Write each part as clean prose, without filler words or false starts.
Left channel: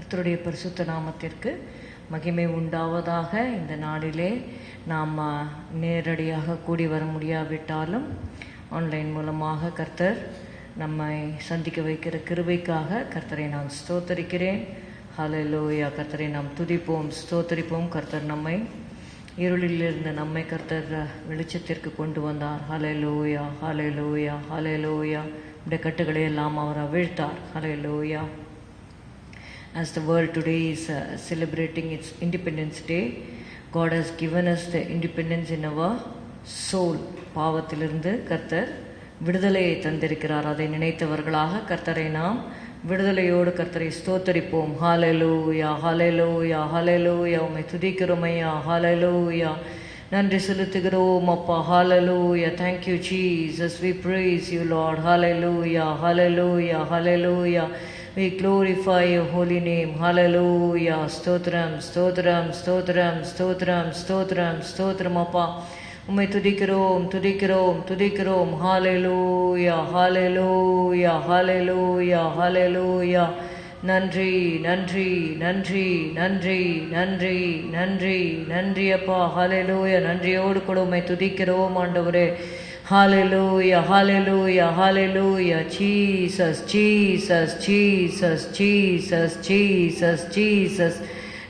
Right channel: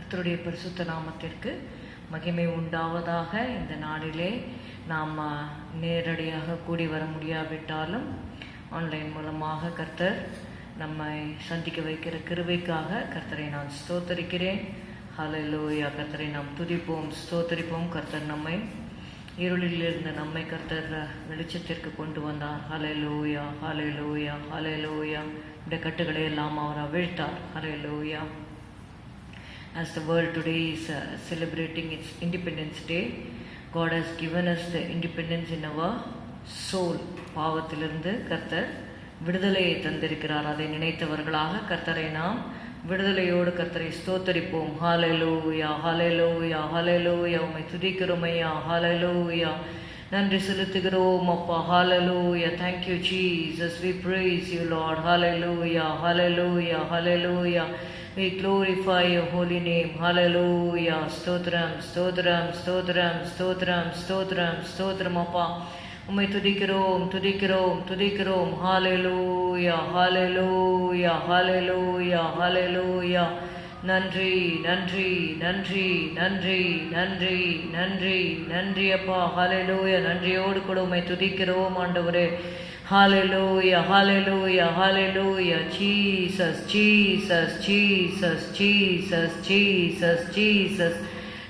கர்த்தருடைய பரிசுத்த நாமத்திற்கு மகிமை உண்டாவதாக. இந்த நாளிலே நாம் நேரடியாக கூடி வர முடியாவிட்டாலும் ஆன்லைன் மூலமாக கர்த்தர் நம்மை சந்திக்க வைக்கிற கிருபைக்காக கர்த்தரை நான் ஸ்தோத்தரிக்கிறேன். ஹல்லேலூயா. கர்த்தரை நாம் துதிப்போம், ஸ்தோத்தரிப்போம். கர்த்தர் நம்மை இருளில் இருந்த நம்மை கர்த்தர் வெளிச்சத்திற்கு கொண்டு வந்தார். ஹல்லேலூயா, ஹல்லேலூயா, ஹல்லேலூயா. இந்த கட்டுகளை எல்லாம் அவர் அவிழ்த்தார். ஹல்லேலூயா. As the world today is celebrating its Independence Day, God has given us the independence in our soul. பாவத்திலிருந்து கர்த்தர் விடுதலையை தந்திருக்கிறார். அதை நினைத்தவர்களாக கர்த்தரை நாம் விடுதலையோடு கர்த்தரை ஸ்தோத்தரிப்போம். ஹல்லேலூயா, ஹல்லேலூயா, ஹல்லேலூயா. உம்மை துதிக்கிறோம் ஐயா. ஹல்லேலூயா. நன்றி செலுத்துகிறோம் அப்பா. ஹல்லேலூயா. Thank you Jesus. We praise you Lord. Hallelujah, hallelujah, hallelujah. We glorify your holy name. Hallelujah. ஸ்தோத்திரம், ஸ்தோத்திரம், ஸ்தோத்திரம், ஸ்தோத்திரம், ஸ்தோத்திரம், ஸ்தோத்திரம் அப்பா. உம்மை துதிக்கிறோம், துதிக்கிறோம், துதிக்கிறோம். ஹல்லேலூயா, ஹல்லேலூயா, ஹல்லேலூயா, ஹல்லேலூயா. நன்றி, நன்றி, நன்றி, நன்றி, நன்றி, நன்றி, நன்றி அப்பா. ஹல்லேலூயா. நன்றியோடு கூட உம்மை துதிக்கிறோம் ஆண்டவரே. Hallelujah, hallelujah, hallelujah. Jesus, Jesus, Jesus, Jesus, Jesus, Jesus.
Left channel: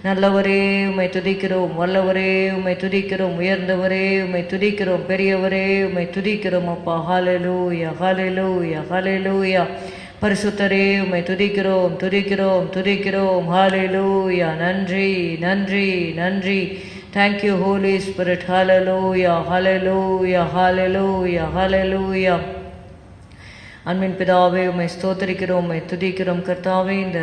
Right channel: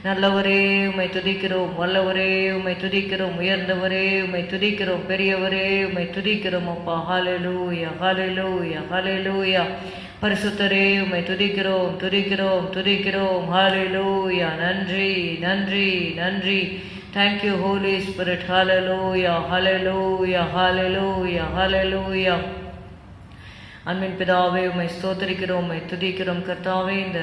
நல்லவரே உம்மை துதிக்கிறோம், வல்லவரே உம்மை துதிக்கிறோம், உயர்ந்தவரே உம்மை துதிக்கிறோம், பெரியவரே உம்மை துதிக்கிறோம் அப்பா. ஹல்லேலூயா, ஹல்லேலூயா, ஹல்லேலூயா. பரிசுத்தரே உம்மை துதிக்கிறோம், துதிக்கிறோம், துதிக்கிறோம். ஹல்லேலூயா. நன்றி, நன்றி, நன்றி. Thank you Holy Spirit. Hallelujah, hallelujah, hallelujah, hallelujah. அன்பின் பிதாவே உம்மை ஸ்தோத்தரிக்கிறோம், உம்மை துதிக்கிறோம் கர்த்தாவே. இந்த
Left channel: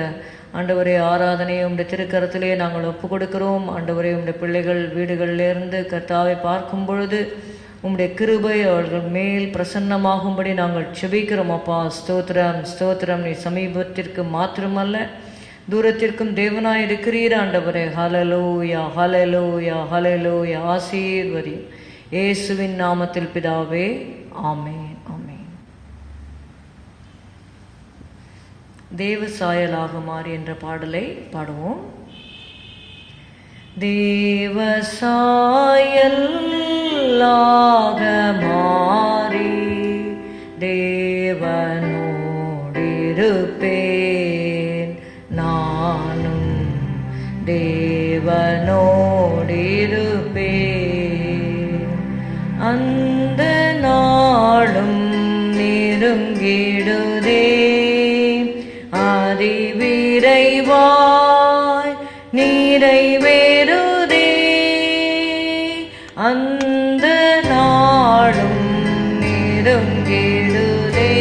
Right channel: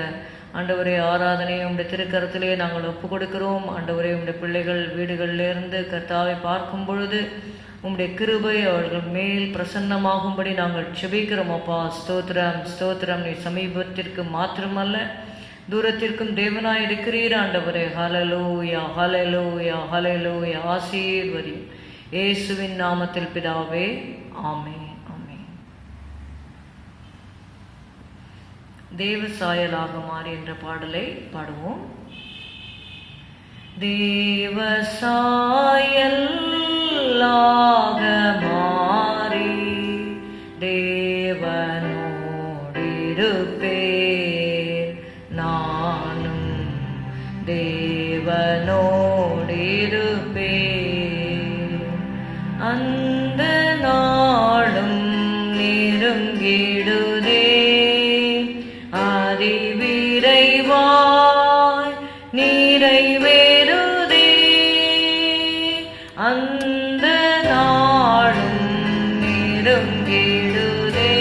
ஆண்டவரே ஆராதனையை உம்முடைய திருக்கரத்திலே நாங்கள் ஒப்பு கொடுக்கிறோம். ஆண்டவரே உம்முடைய பிள்ளைகள் வீடுகளிலிருந்து கர்த்தாவை பார்க்கும் பொழுது உம்முடைய கிருபை அவர்கள் மேல் பிரசன்னமாகும்படி நாங்கள் செபிக்கிறோம் அப்பா. ஸ்தோத்திரம், ஸ்தோத்திரம். நீ சமீபத்திற்கு மாத்திரமல்ல தூரத்திற்கும் தேவனாய் இருக்கிறீர் ஆண்டவரே. ஹல்லேலூயா, ஹல்லேலூயா, ஹல்லேலூயா. ஆசீர்வதியும் இயேசுவின் நாமத்தில் பிதாவே. ஆமென், ஆமென். தேவ சாயலாக மாறி என்ற பாடலை பாடுவோம். தேவ சாயலாக மாறி தேவனோடிருப்பேன், நானும் தேவனோடிருப்பேன். அந்த நாளும் நெருங்கிடுதே, அதிவிரைவாய் நிறைவேறுதே. அந்த நாளும் நெருங்கிடுதே,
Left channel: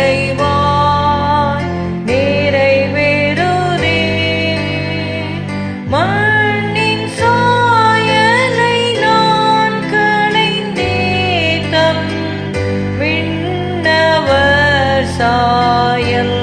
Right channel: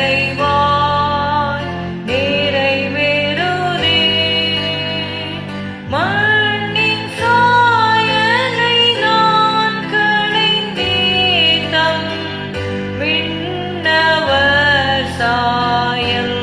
அதிவிரைவாய் நிறைவேறுதே. மண்ணின் சாயலை நான் களைந்தேன், விண்ணவர் சாயல்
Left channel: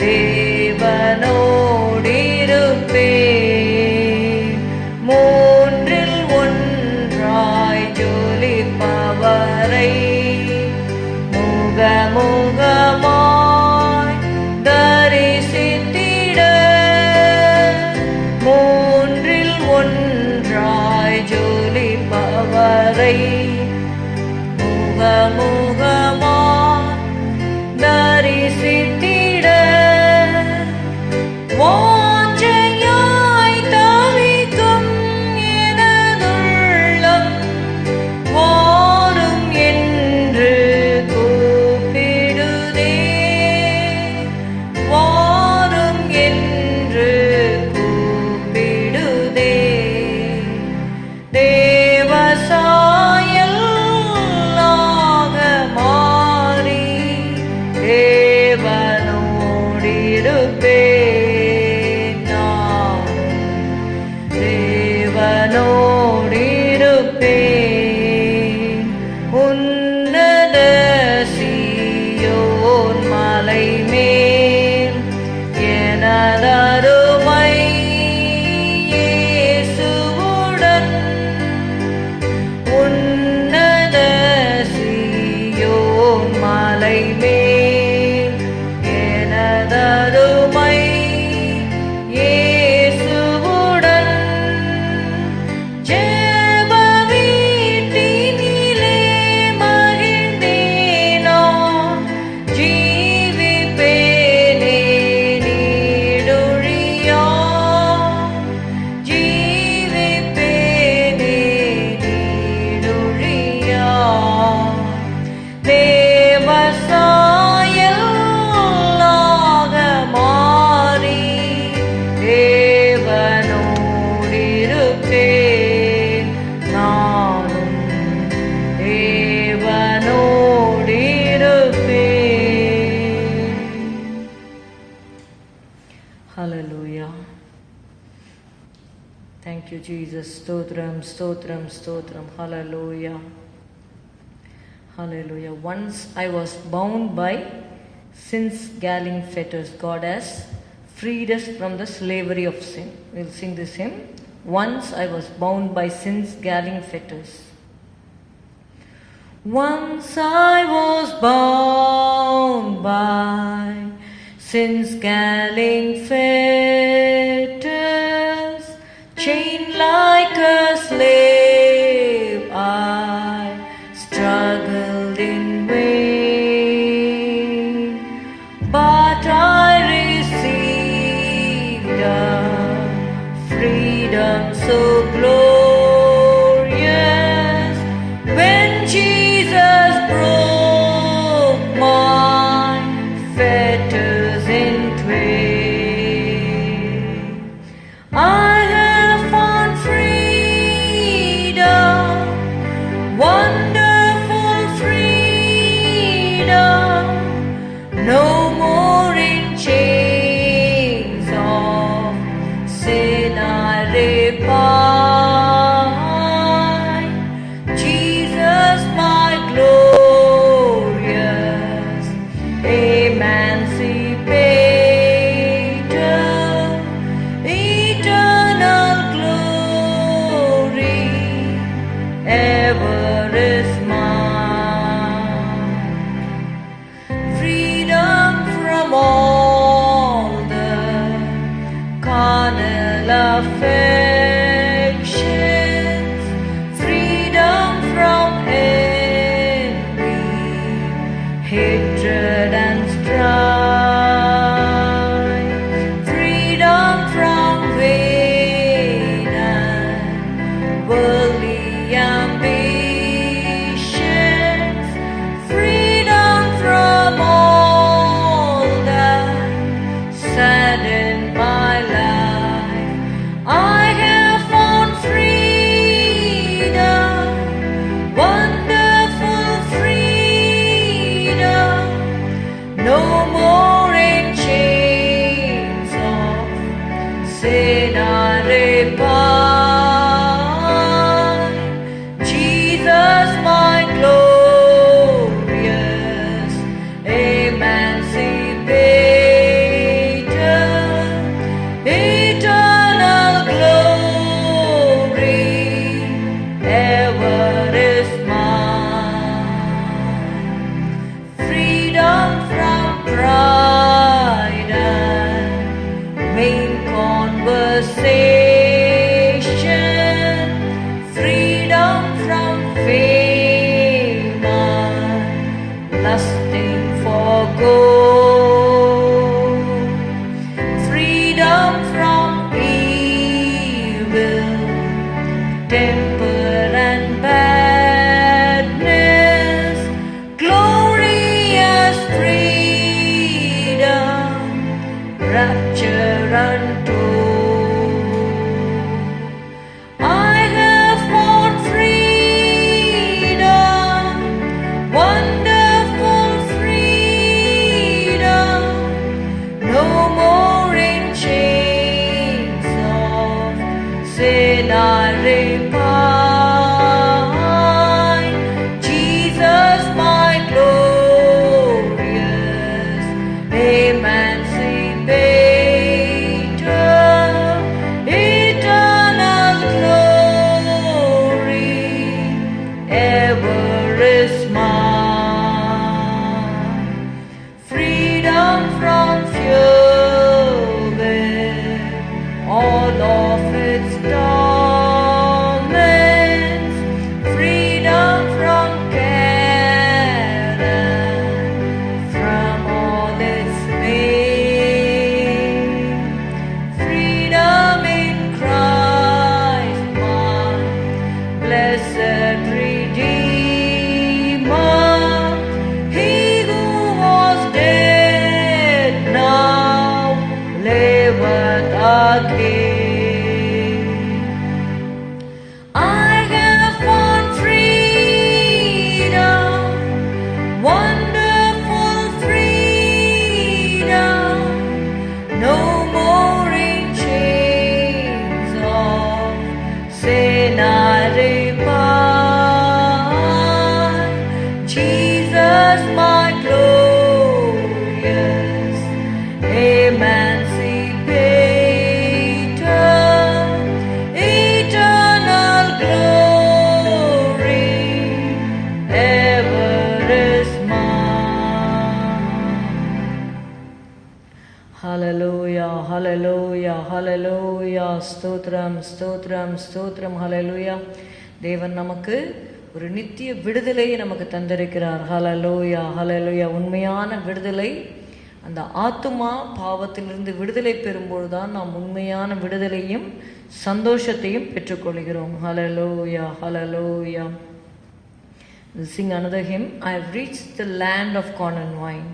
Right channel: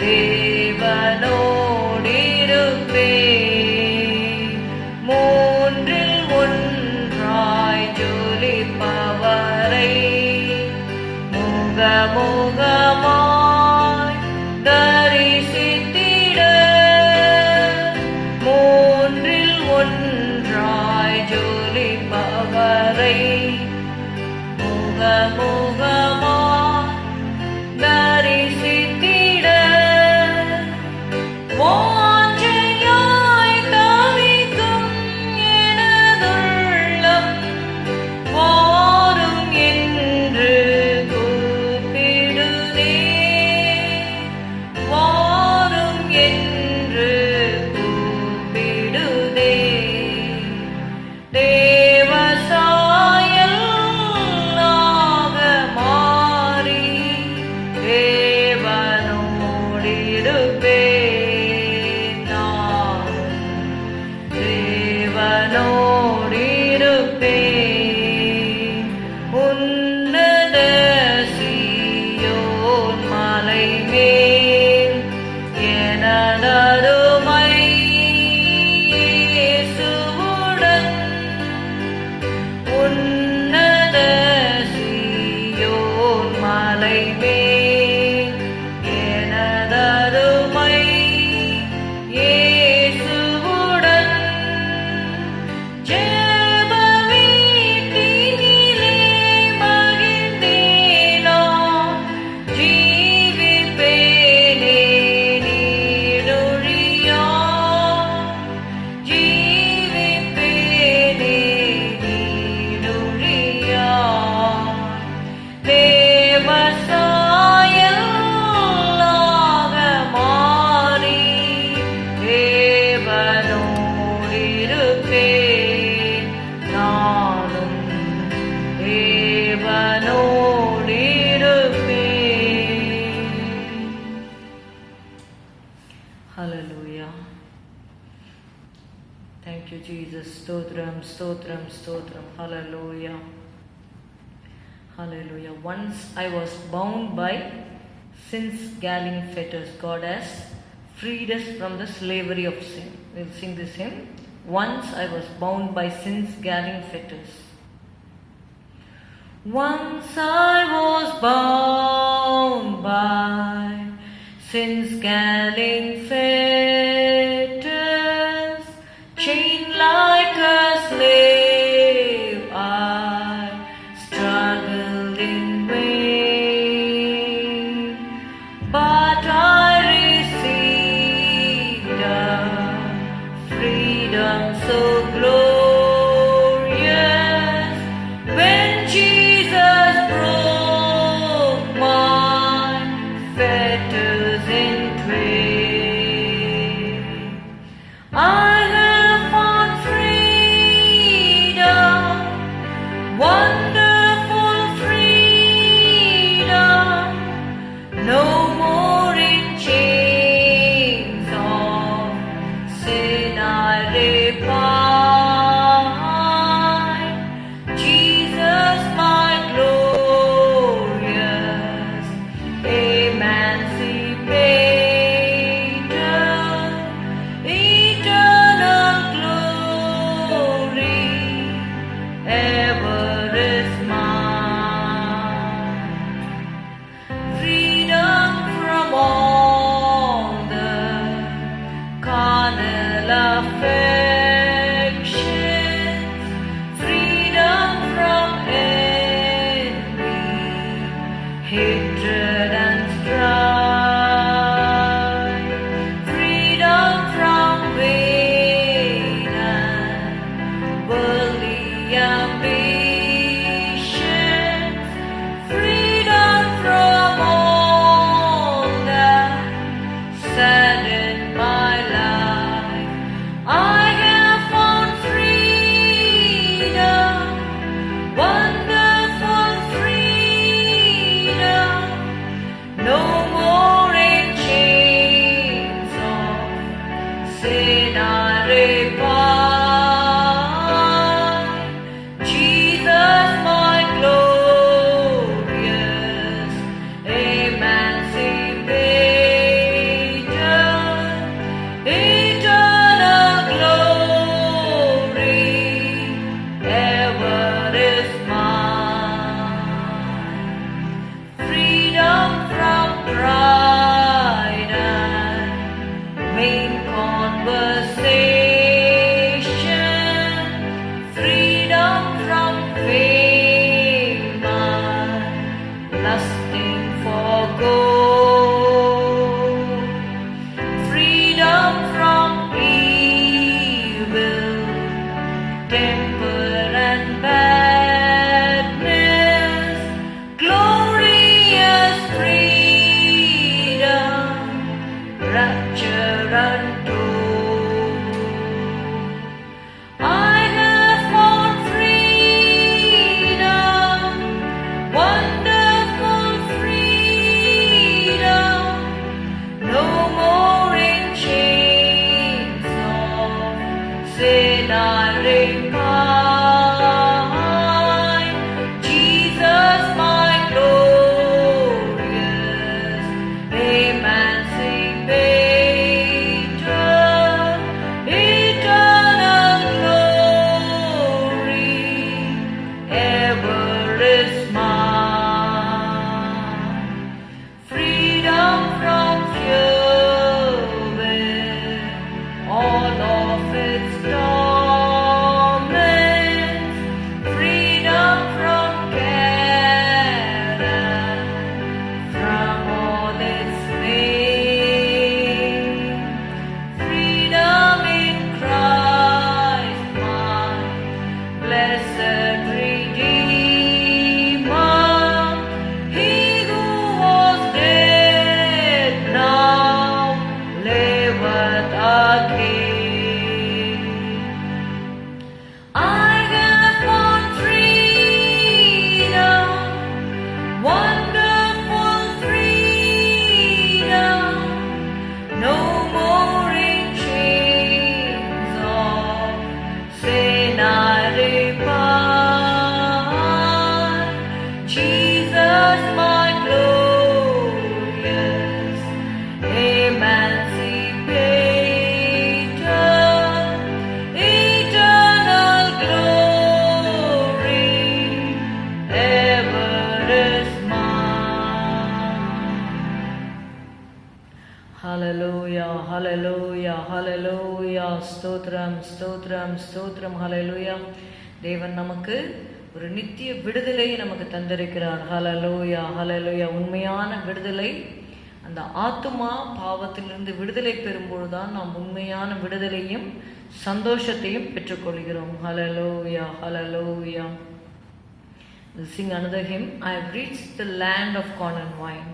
தேவனோடிருப்பேன். மூன்றில் ஒன்றாய் ஜொலிப்பவரை முகமுகமாய் தரிசித்திட, மூன்றில் ஒன்றாய் ஜொலிப்பவரை முகமுகமாய் தரிசித்திட, வாஞ்சையாய் தவிக்கும் எனதுள்ளம் வாரும் என்று கூப்பிடுதே, வாரும் என்று கூப்பிடுதே. தேவசாயலாக மாறி தேவனோடிருப்பேன். நானும் தேவனோடிருப்பேன். உன்னத சீயோன் மலை மேல் எனதருமை இயேசுவுடன், உன்னத சீயோன் மலை மேல் எனதருமை இயேசுவுடன், ஜெப வீட்டினிலே மகிழ்ந்தேனோ, ஜீவிப்பேனே நீடொழியா, ஜீவிப்பேனே நீடொழியா. தேவசாயலாக மாறி தேவனோடிருப்பேன். நானும் தேவனோடிருப்பேன். Hallelujah. Thank you, Jesus. Stotram, stotram, stotram. Hallelujah. Hallelujah. Once I was bound by sin's galling fetters. God has freed us from the slavery of sin. We'll sing this hymn. Once I was bound by sin's galling fetters. Once I was bound by sin's galling fetters, chained like a slave, I struggled in vain, but I received a freedom so glorious when Jesus broke my fetters in twain. Hallelujah, hallelujah, hallelujah. ஸ்தோத்திரம் ஸ்தோத்திரம் ஸ்தோத்திரம். ஹalleluya. தேவன் நமக்கு ஒரு நித்திய விடுதலையை நமக்கு தந்திருக்கிறார். ஹalleluya, ஹalleluya. உண்மையான விடுதலை, அந்த ஆத்துமா பாவத்திலிருந்து விடுதலை பெறும்போதுதான் நாம் உண்மையான விடுதலையும் சந்தோஷத்தையும் பெற்றுக்கொள்கிறோம். ஹalleluya, hallelujah. Sing another hymn. I've reached the land of corn and wine.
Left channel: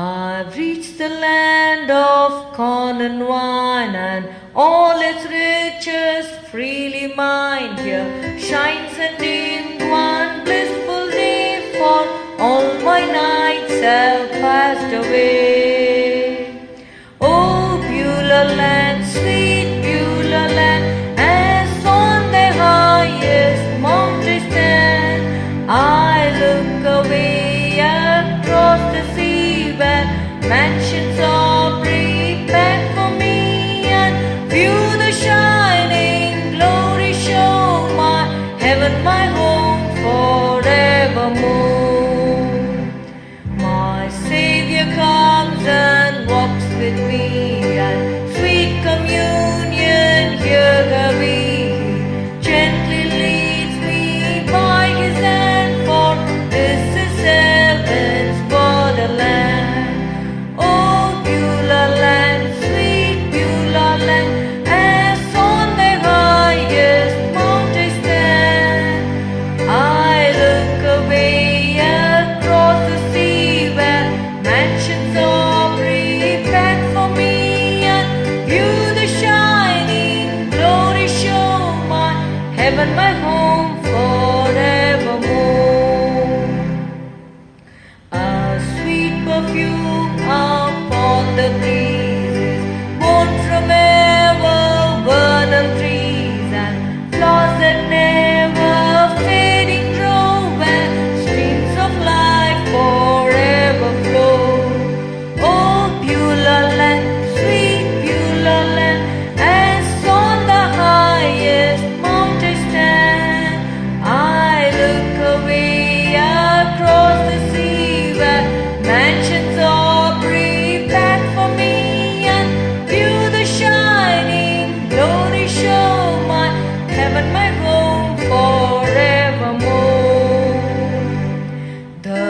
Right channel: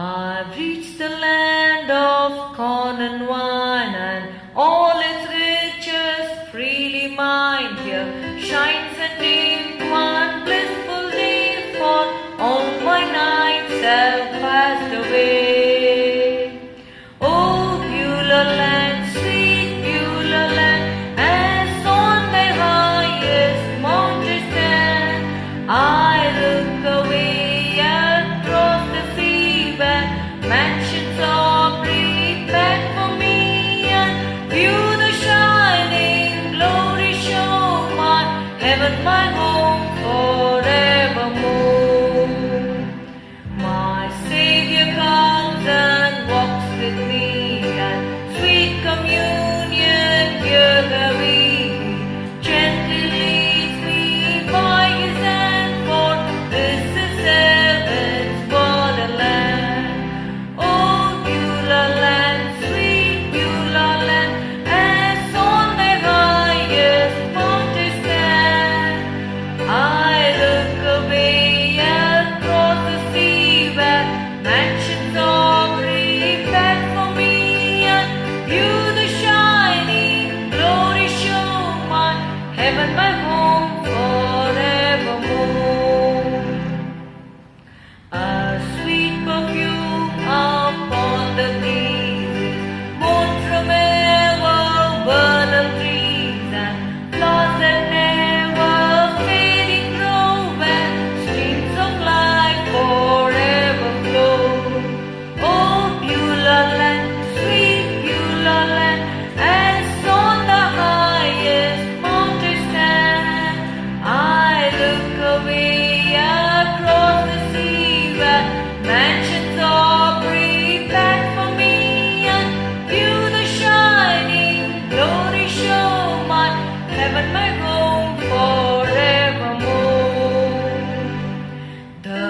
I've reached the land of corn and wine, and all its riches freely mine. Here shines a dim one blissful day, for all my nights have passed away. Oh, Beulah land, sweet Beulah land, as on the highest mountain stand, I look away across the sea, where mansions are prepared for me, and view the shining glory show my heaven, my home forevermore. My Savior comes and walks with me, and sweet communion here we. Gently leads me by his hand, for this is heaven's borderland. Oh, Beulah land, sweet Beulah land, as on the highest mountain stand, I look away across the sea, where mansions are prepared for me, and view the shining glory show my heaven, my home forevermore. A sweet perfume upon the breezes, born from ever-vernal trees, and flowers that never fading grow, and streams of life forever flow. Oh, Beulah land, sweet Beulah land, as on the highest mountain stand, I look away across the sea, where mansions are prepared for me, and view the shining glory show my heaven, my home forevermore. The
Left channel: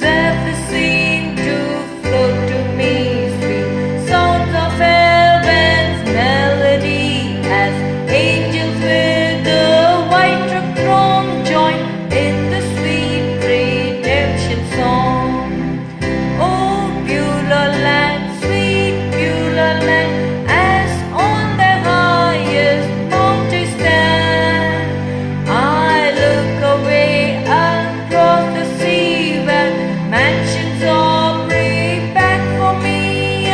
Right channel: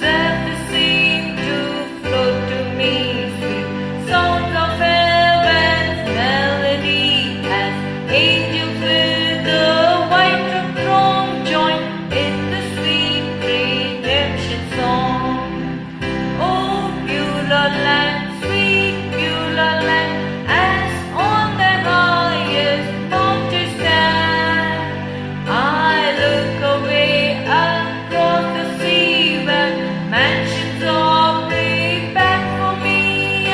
zephyrs seem to float to me, sweet sounds of heaven's melody, as angels with the white drum throng join in the sweet redemption song. Oh, Beulah land, sweet Beulah land, as on the highest mountain stand, I look away across the sea, where mansions are prepared for me,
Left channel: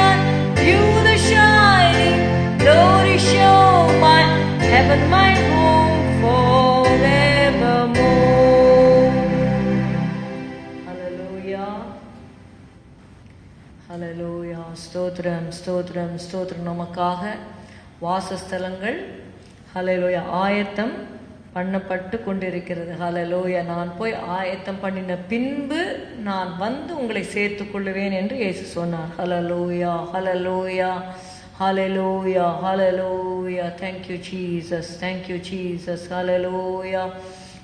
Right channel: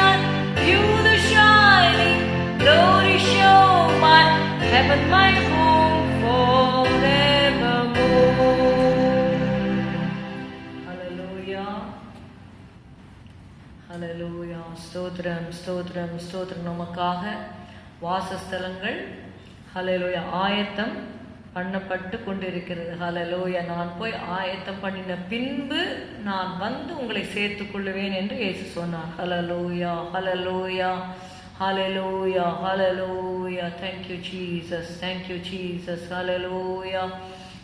and view the shining glory show my heaven, my home forevermore. Hallelujah. ஹalleluya. ஸ்தோத்திரம் ஸ்தோத்திரம் ஸ்தோத்திரம். நமக்காக வாசஸ்தலங்கள் ஹalleluya ஆயத்தம் பண்ணப்பட்டு கொண்டிருக்கிறது. ஹalleluya. நான் போய் ஆயத்தம் பண்ணின பின்பு நான் வந்து உங்களை சேர்த்துக் கொள்ளுவேன் என்று இயேசு சொன்னார். ஹalleluya, ஹalleluya, ஹalleluya, ஹalleluya. Thank you Jesus, thank you Jesus. ஹalleluya,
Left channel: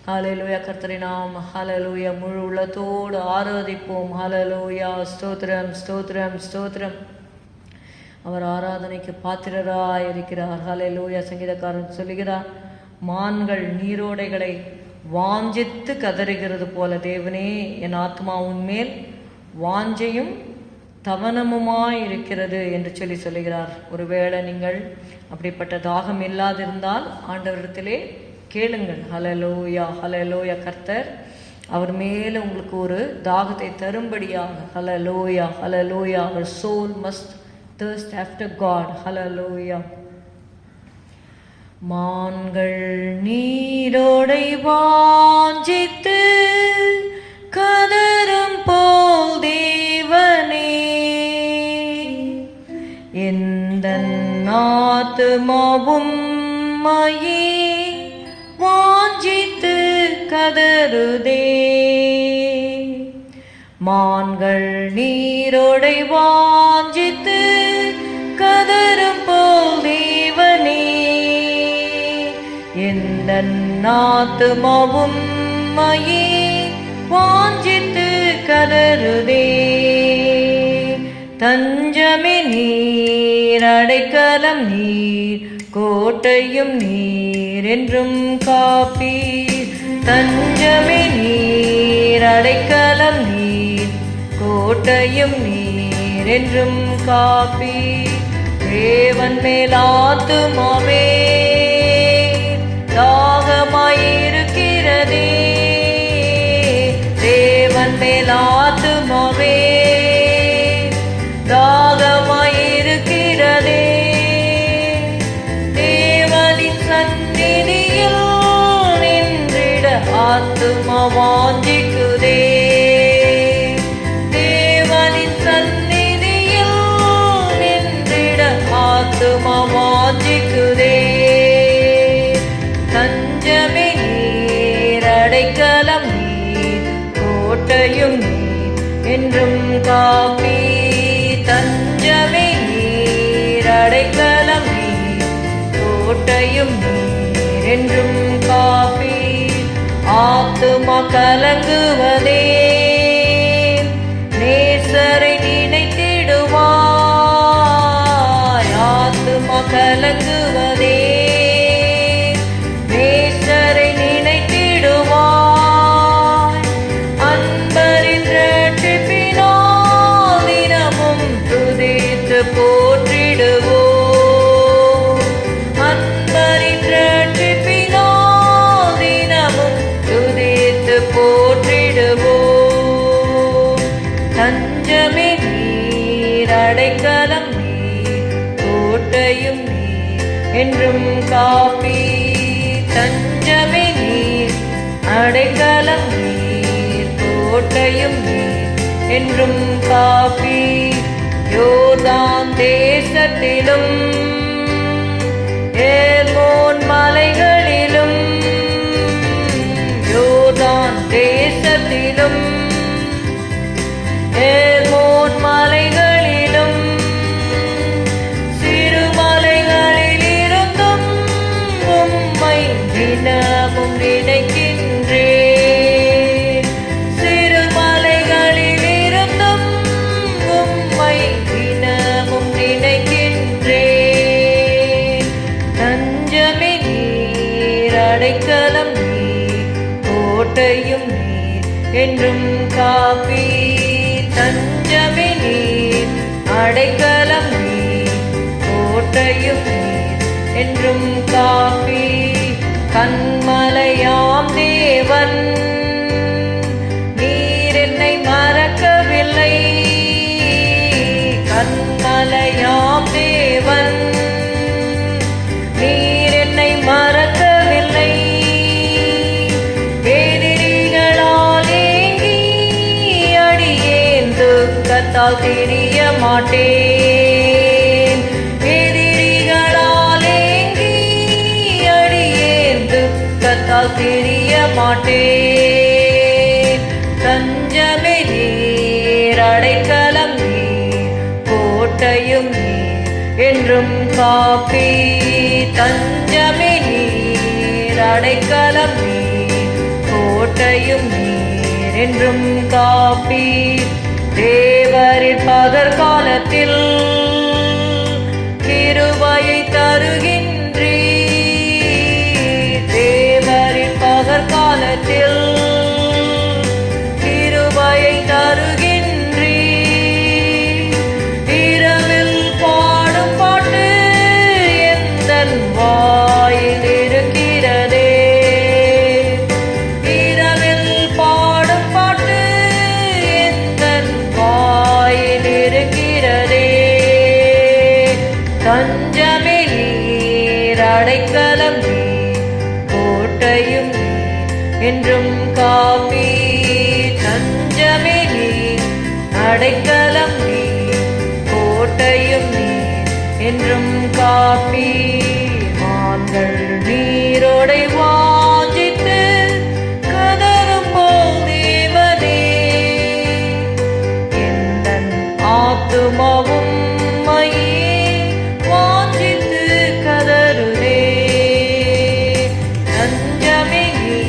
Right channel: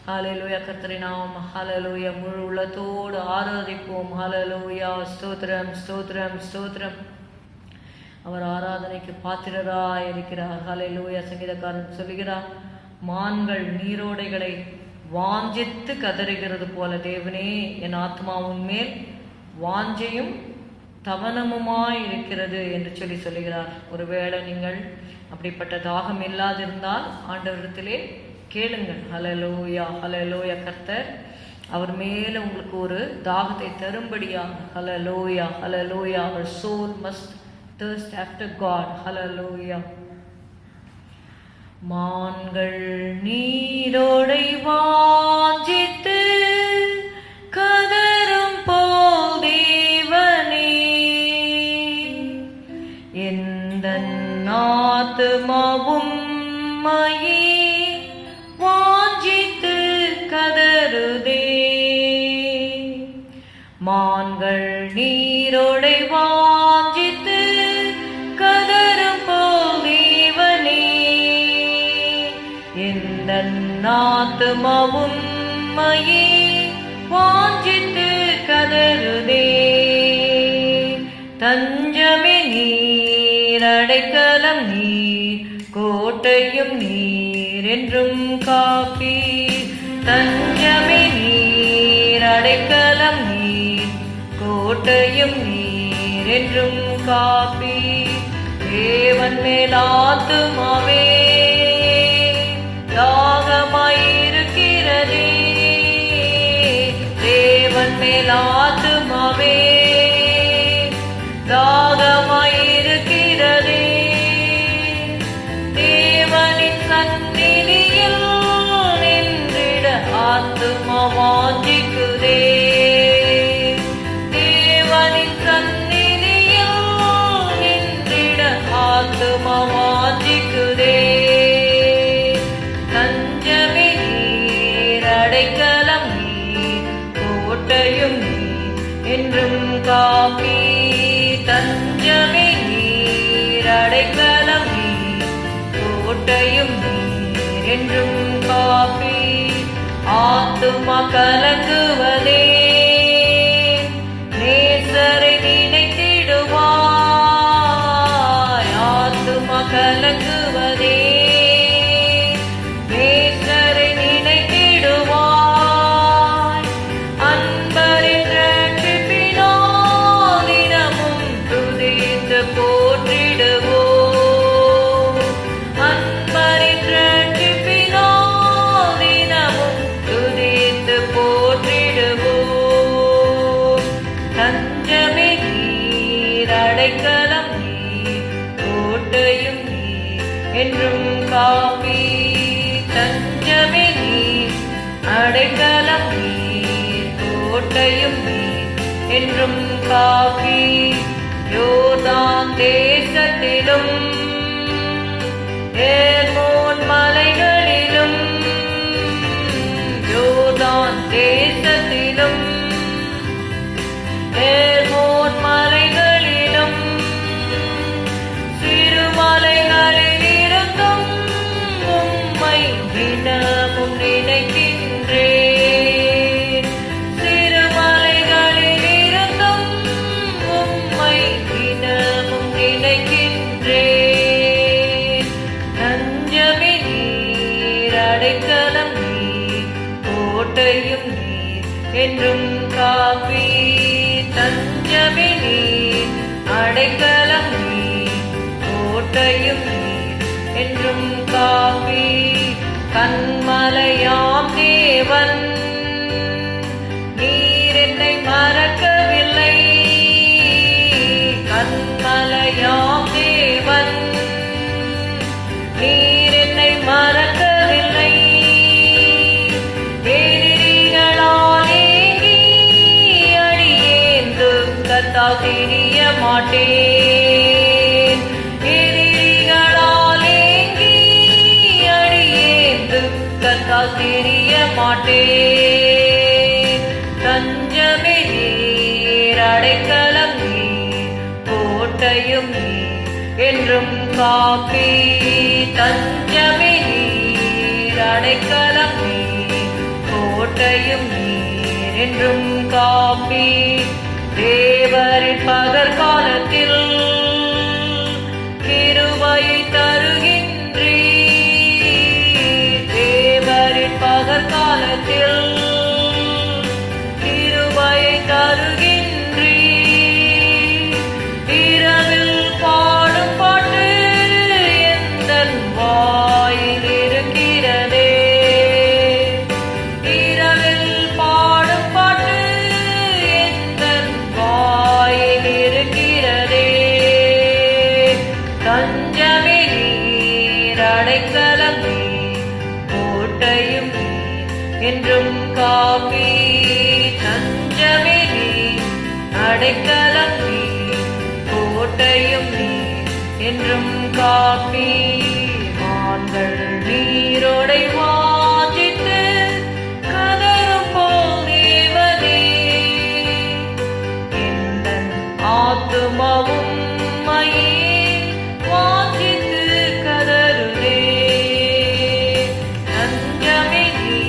ஹalleluya. கர்த்தரை நாம் ஹalleluya முழு உள்ளத்தோடு ஆராதிப்போம். ஹalleluya. ஸ்தோத்திரம் ஸ்தோத்திரம் ஸ்தோத்திரம். அவர் ஆராதனைக்கு பாத்திரராய் இருக்கிறார். ஹalleluya. சங்கீதக்காரன் சொல்லுகிறார், மான்கள் நீரோடைகளை வாஞ்சித்து கதறுகிறது போல தேவனே என் ஆத்மாவின் மேல் வாஞ்சையும் தவனமுமாய் இருக்கிறது என்று சொல்லுகிறார். ஒருவேளை நீங்கள் அப்படிப்பட்ட தாகம் இல்லாதிருந்தால் ஆண்டவரிடத்திலே கேளுங்கள். ஹalleluya, ஹalleluya. கர்த்தர் அவர் மேல உங்களுக்கு ஒரு தாகத்தை தரும்படியாக. ஹalleluya, ஹalleluya. Our soul must thirst after God. ஹalleluya. மான்கள் நீரோடை வாஞ்சித்து கதரும் போல் தேவனே எந்தன் ஆத்துமாவும் மையே வாஞ்சித்து கதறுதே. மான்கள் நீரோடை வாஞ்சி ஆத்துமாவும் மையே வாஞ்சித்து கதறுதே. தஞ்சமே நீர், அடைக்கலம் நீர், கோட்டையும் நீர் என்றும் காப்பீர். தஞ்சமே நீர், அடைக்கலம் நீர், கோட்டையும் நீர் என்றும் காப்பீர். தேவன் மேல் ஆத்துமாவே தாகமாயிருக்கிறதே. தேவன் மேல் ஆத்துமாவே தாகமாயிருக்கிறதே. தேவனின் சந்நிதியில் நின்றிட ஆத்துமா வாஞ்சிக்குதே. தேவனின் சந்நிதியில் நின்றிட ஆத்துமா வாஞ்சிக்குதே. தஞ்சமே நீர், அடைக்கலம் நீர், கோட்டையும் நீர் என்றும் காப்பீர். தஞ்சமே நீர், அடைக்கலம் நீர், கோட்டையும் நீர் என்றும் காப்பீர். ஆத்துமா கலங்குவதே, நேசரை நினைத்திடுவாய். ஆத்துமா கலங்குவதே, நேசரை நினைத்திடுவாய். அன்பரின் இரட்சிப்பினால் தினமும் துதித்து போற்றிடுவோம். அன்பரின் இரட்சிப்பினால் தினமும் துதித்து போற்றிடுவோம். தஞ்சமே நீர், அடைக்கலம் நீர், கோட்டையும் நீர் என்றும் காப்பீர். தஞ்சமே நீர், அடைக்கலம் நீர், கோட்டையும் நீர் என்றும் காப்பீர். யோர்தான் தேசத்திலும் எர்மோன் மலைகளிலும், யோர்தான் தேசத்திலும் எர்மோன் மலைகளிலும், சிறுமலைகளிலிருந்தும் உம்மை தினமும் நினைக்கின்றேன். சிறுமலைகளிலிருந்தும் உம்மை தினமும் நினைக்கின்றேன். தஞ்சமே நீர், அடைக்கலம் நீர், கோட்டையும் நீர் என்றும் காப்பீர். தஞ்சமே நீர், அடைக்கலம் நீர், கோட்டையும் நீர் என்றும் காப்பீர். கன்மலையாம் தேவன் நீர் என்னை மறக்கவில்லை. கன்மலையாம் தேவன் நீர் என்னை மறக்கவில்லை. எதிரிகளால் ஏங்கி அடியேன் துக்கத்தால் திரிய மாட்டேன். எதிரிகளால் ஏங்கி அடியேன் துக்கத்தால் திரிய மாட்டேன். தஞ்சமே நீர், அடைக்கலம் நீர், கோட்டையும் நீர் என்றும் காப்பீர். தஞ்சமே நீர், அடைக்கலம் நீர், கோட்டையும் நீர் என்றும் காப்பீர். தேவரின் பகற்காலத்தில் கிருபையை தருகின்றீர். தேவரின் பகற்காலத்தில் கிருபையை தருகின்றீர். இரவில் பாடும் பாட்டு எந்தன் வாயில் இருக்கிறதே. இரவில் பாடும் பாட்டு எந்தன் வாயில் இருக்கிறதே. தஞ்சமே நீர், அடைக்கலம் நீர், கோட்டையும் நீர் என்றும் காப்பீர். தஞ்சமே நீர், அடைக்கலம் நீர், கோட்டையும் நீர் என்றும் காப்பீர். மான்கள் நீரோடை வாஞ்சித்து கதறும் போல் தேவனே, எந்தன் ஆத்துமாவும் மையே வாஞ்சித்து கதறுதே. தஞ்சமே நீர்,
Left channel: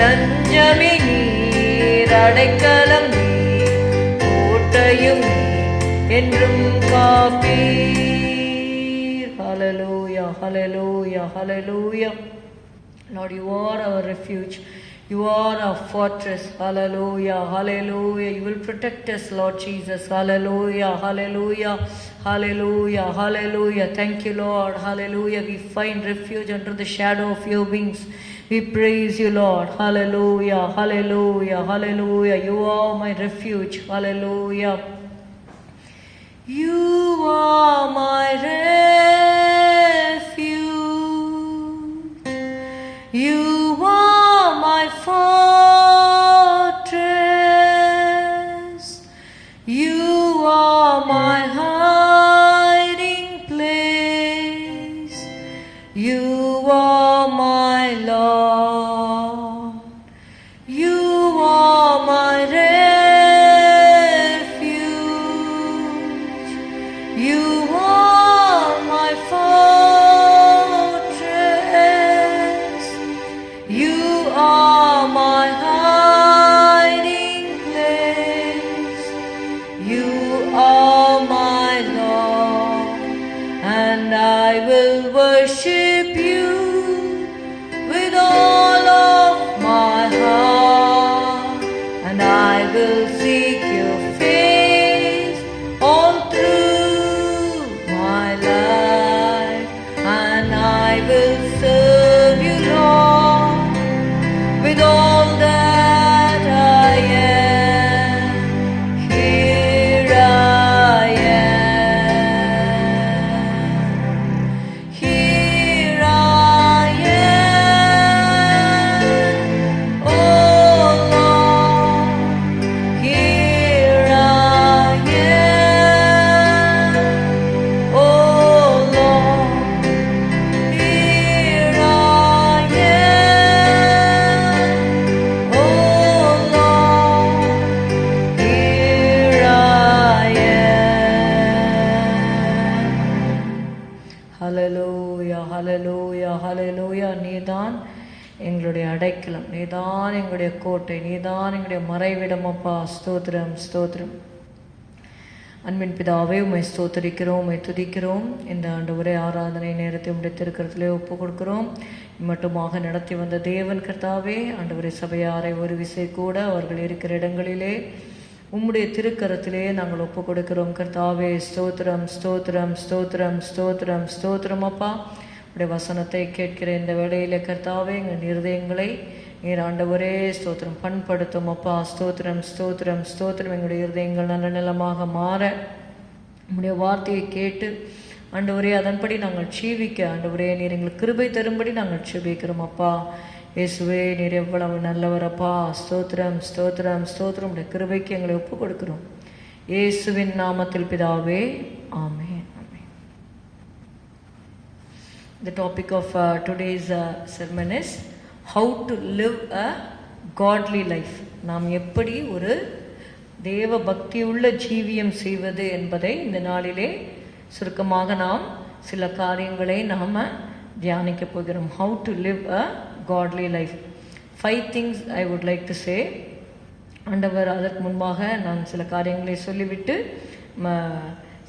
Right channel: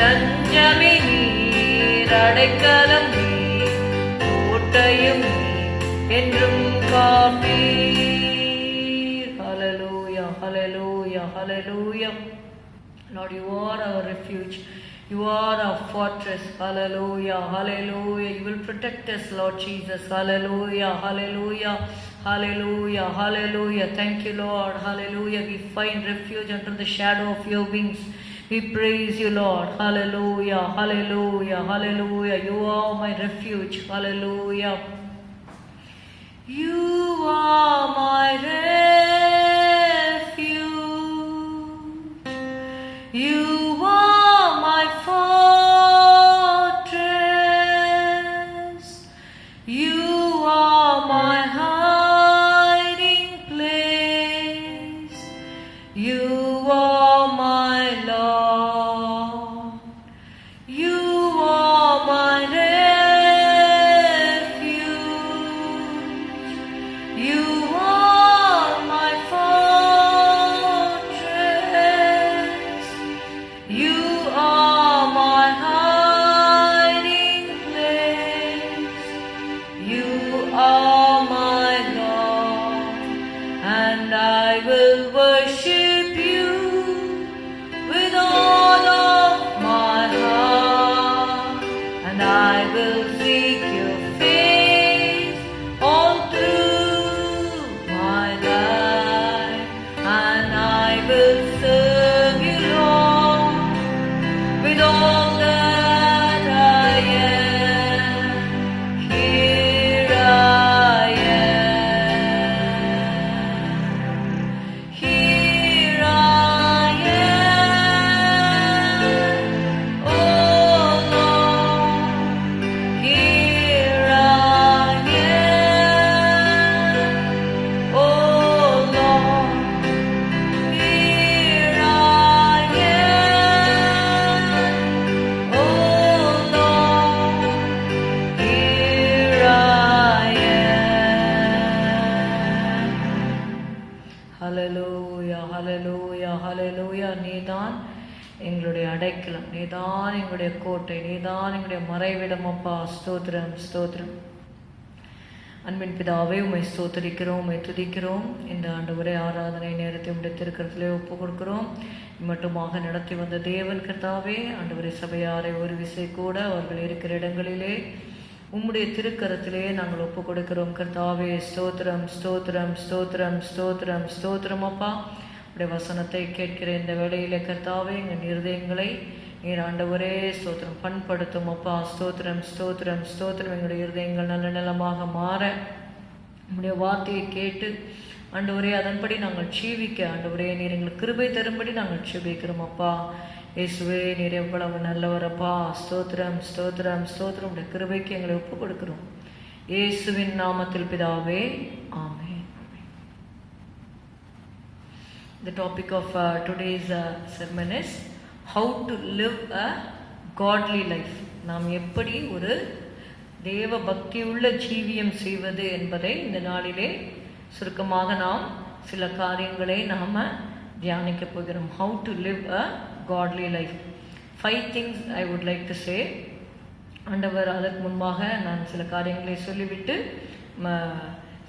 தஞ்சமே நீர், அடைக்கலம் நீர், கோட்டையும் நீர், என்றும் காப்பீர். Hallelujah, hallelujah, hallelujah. Lord, you are our refuge. You are our fortress. Hallelujah, hallelujah. You will protect us, Lord Jesus. Hallelujah, hallelujah, hallelujah, hallelujah. Thank you, Lord. Hallelujah. We find refuge under the shadow of your wings. We praise you, Lord. Hallelujah, hallelujah, hallelujah. You are my refuge. Hallelujah. You are my refuge. You are my fortress. You are my hiding place. You are my Lord. You are my refuge. You are my fortress. You are my hiding place. You are my Lord, and I will worship you with all of my heart, and I will seek your face all through my life, and I will serve you, Lord, with all that I am. Here I am. Here I am. Oh Lord, here I am. Oh Lord, here I am. Oh Lord, here I am. Hallelujah, hallelujah, hallelujah. நீதான் எங்களுடைய அடைக்கலம், நீதான் எங்களுடைய கோட்டை, நீதான் எங்களுடைய மறைவிடம் அப்பா. ஸ்தோத்திரம், ஸ்தோத்திரம். அன்பின் பிதாவே, உம்மை ஸ்தோத்திரிக்கிறோம், உம்மை துதிக்கிறோம். இந்த ஆண்டவரே ஆராதனை நேரத்தை உம்முடைய திருக்கரத்திலே ஒப்பு கொடுக்கிறோம். மட்டுமாக நடத்தி வந்த தேவன் கர்த்தாவே, ஆண்டவரே சபையாரை ஒரு விசை கூட அவர்கள் இருக்கிற இடங்களிலே உம்முடைய திருக்கரத்திலே நாங்கள் ஒப்பு கொடுக்கிறோம் கர்த்தாவே. ஸ்தோத்திரம், ஸ்தோத்திரம், ஸ்தோத்திரம், ஸ்தோத்திரம், ஸ்தோத்திரம் அப்பா. உடைய வசனத்தை கேட்கிற இந்த வேளையிலே கர்த்தாவே, எங்கள் இருதயங்களை நீர் ஆண்டவரே ஸ்தோத்திரம் பண்படுத்தும் அப்பா. ஸ்தோத்திரம், ஸ்தோத்திரம், ஸ்தோத்திரம். எங்களுடைய இருதயங்கள் நல்ல நிலமாக மாற உம்முடைய வார்த்தையை கேட்டு ஆண்டவரே அதன்படி நாங்கள் ஜீவிக்க ஆண்டவரே நீர் எங்களுக்கு கிருபை தரும்படி நாங்கள் ஜெபிக்கிறோம் அப்பா. இயேசுவே, நீர் எவ்வளவு நல்லவரப்பா. ஸ்தோத்திரம், ஸ்தோத்திரம், ஸ்தோத்திரம். உடைய கிருபைக்கு எங்களை ஒப்பு கொடுக்கிறோம் இயேசுவின் நாமத்தில் பிதாவே, ஆமென். The topic of today's sermon is how to live a godly life. நாம் எப்படி ஒரு தேவ பக்தியுள்ள ஜீவியம் செய்வது என்பதை இந்த நாளிலே சுருக்கமாக நாம் சில காரியங்களை நாம் தியானிக்க போகிறோம். How to live a godly life. 5 things I would like to say. ஆண்டவர் அதற்கு முன்பாக நான் சில காரியங்களை சொல்லிவிட்டு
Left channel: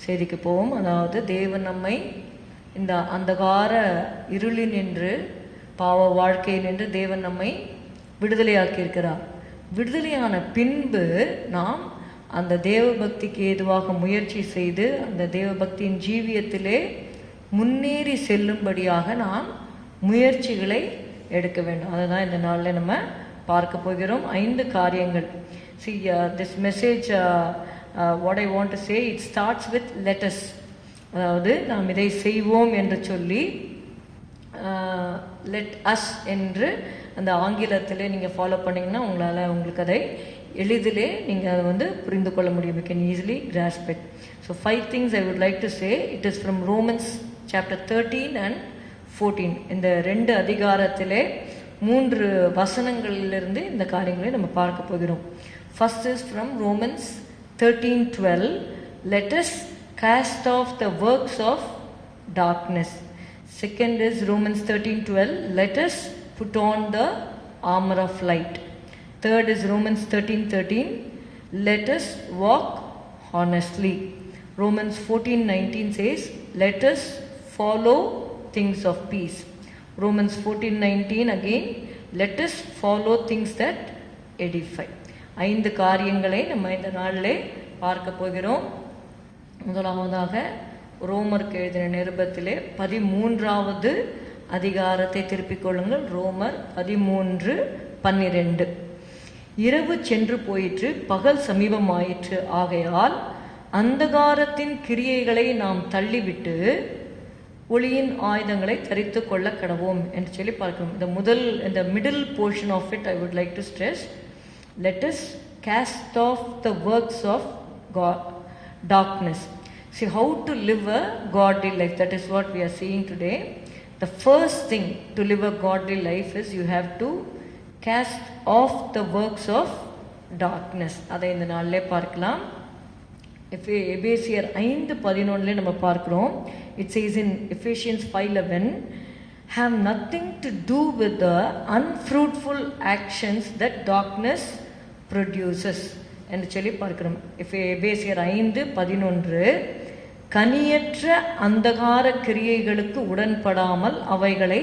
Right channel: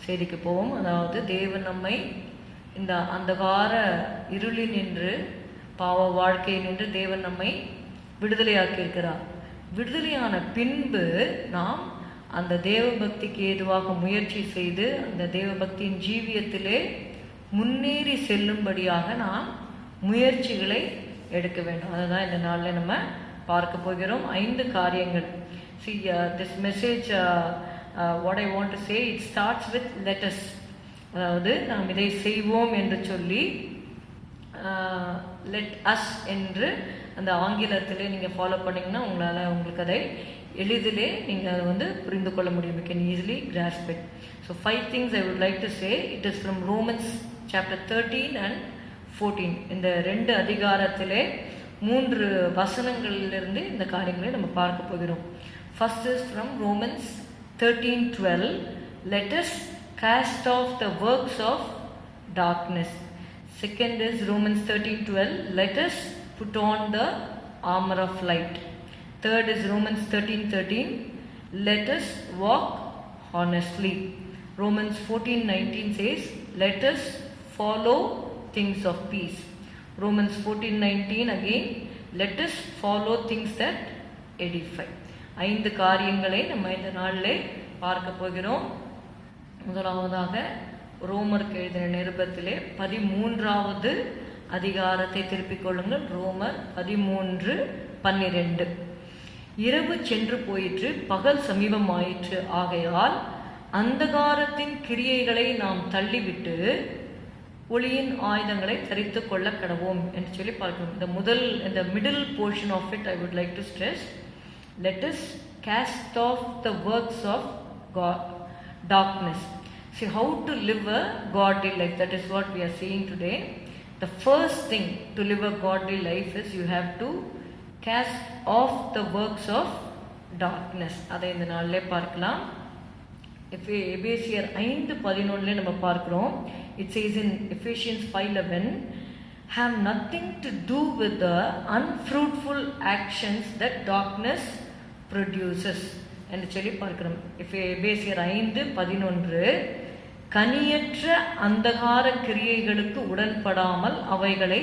செய்திக்கு போவோம். அதாவது தேவன் நம்மை இந்த அந்தகார இருளில் நின்று பாவ வாழ்க்கை நின்று தேவன் நம்மை விடுதலையாக்கி இருக்கிறார். விடுதலையான பின்பு நாம் அந்த தேவ பக்திக்கு ஏதுவாக முயற்சி செய்து அந்த தேவ பக்தியின் ஜீவியத்திலே முன்னேறி செல்லும்படியாக நாம் முயற்சிகளை எடுக்க வேண்டும். அதுதான் இந்த நாளில் நம்ம பார்க்க போகிறோம். 5 காரியங்கள். See, this message, what I want to say, it starts with let us. அதாவது நாம் இதை செய்வோம் என்று சொல்லி let us என்று அந்த ஆங்கிலத்தில் நீங்கள் ஃபாலோ பண்ணிங்கன்னா உங்களுக்கு அதை எளிதிலே நீங்கள் அதை புரிந்து கொள்ள முடியும். You can easily grasp it. So 5 things I would like to say. It is from Romans chapter 13 and 14. இந்த 2 அதிகாரத்திலே 3 வசனங்களிலிருந்து இந்த காரியங்களை நம்ம பார்க்க போகிறோம். First is from Romans 13:12. Let us cast off the works of darkness. Second is Romans 13:12. Let us put on the armor of light. Third is Romans 13:13. Let us walk honestly. Romans 14:19 says, let us follow things of peace. Romans 14:19 again, let us follow things that edify. 5 காரியங்களை நம்ம இந்த நாளிலே பார்க்க போகிறோம். முதலாவதாக ரோமருக்கு எழுதின நிருபத்திலே 13வது அதிகாரத்தை திருப்பிக் கொள்ளுங்கள். ரோமர் 13:12. இரவு சென்று போயிற்று, பகல் சமீபமாயிற்று, ஆகையால் அந்தகாரத்தின் கிரியைகளை நாம் தள்ளிவிட்டு ஒளியின் ஆயுதங்களை தரித்து கொள்ள கடவோம் என்று சொல்லி பார்க்கணும். இந்த middle portion of it I would like to stress, let us cast off the works of God, darkness. See how to live a godly life. That is what we are seeing today. The first thing to live a godly life is you have to cast off the works of darkness. அதை இந்த நாளிலே பார்க்கலாம். எபேசியர் 5:11 நம்ம பார்க்கிறோம். It says in Ephesians 5:11, have nothing to do with the unfruitful actions that darkness produces என்று சொல்லி பார்க்கிறோம். எபேசியர் 5:11, கனியற்ற அந்தகார கிரியைகளுக்கு உடன்படாமல் அவைகளை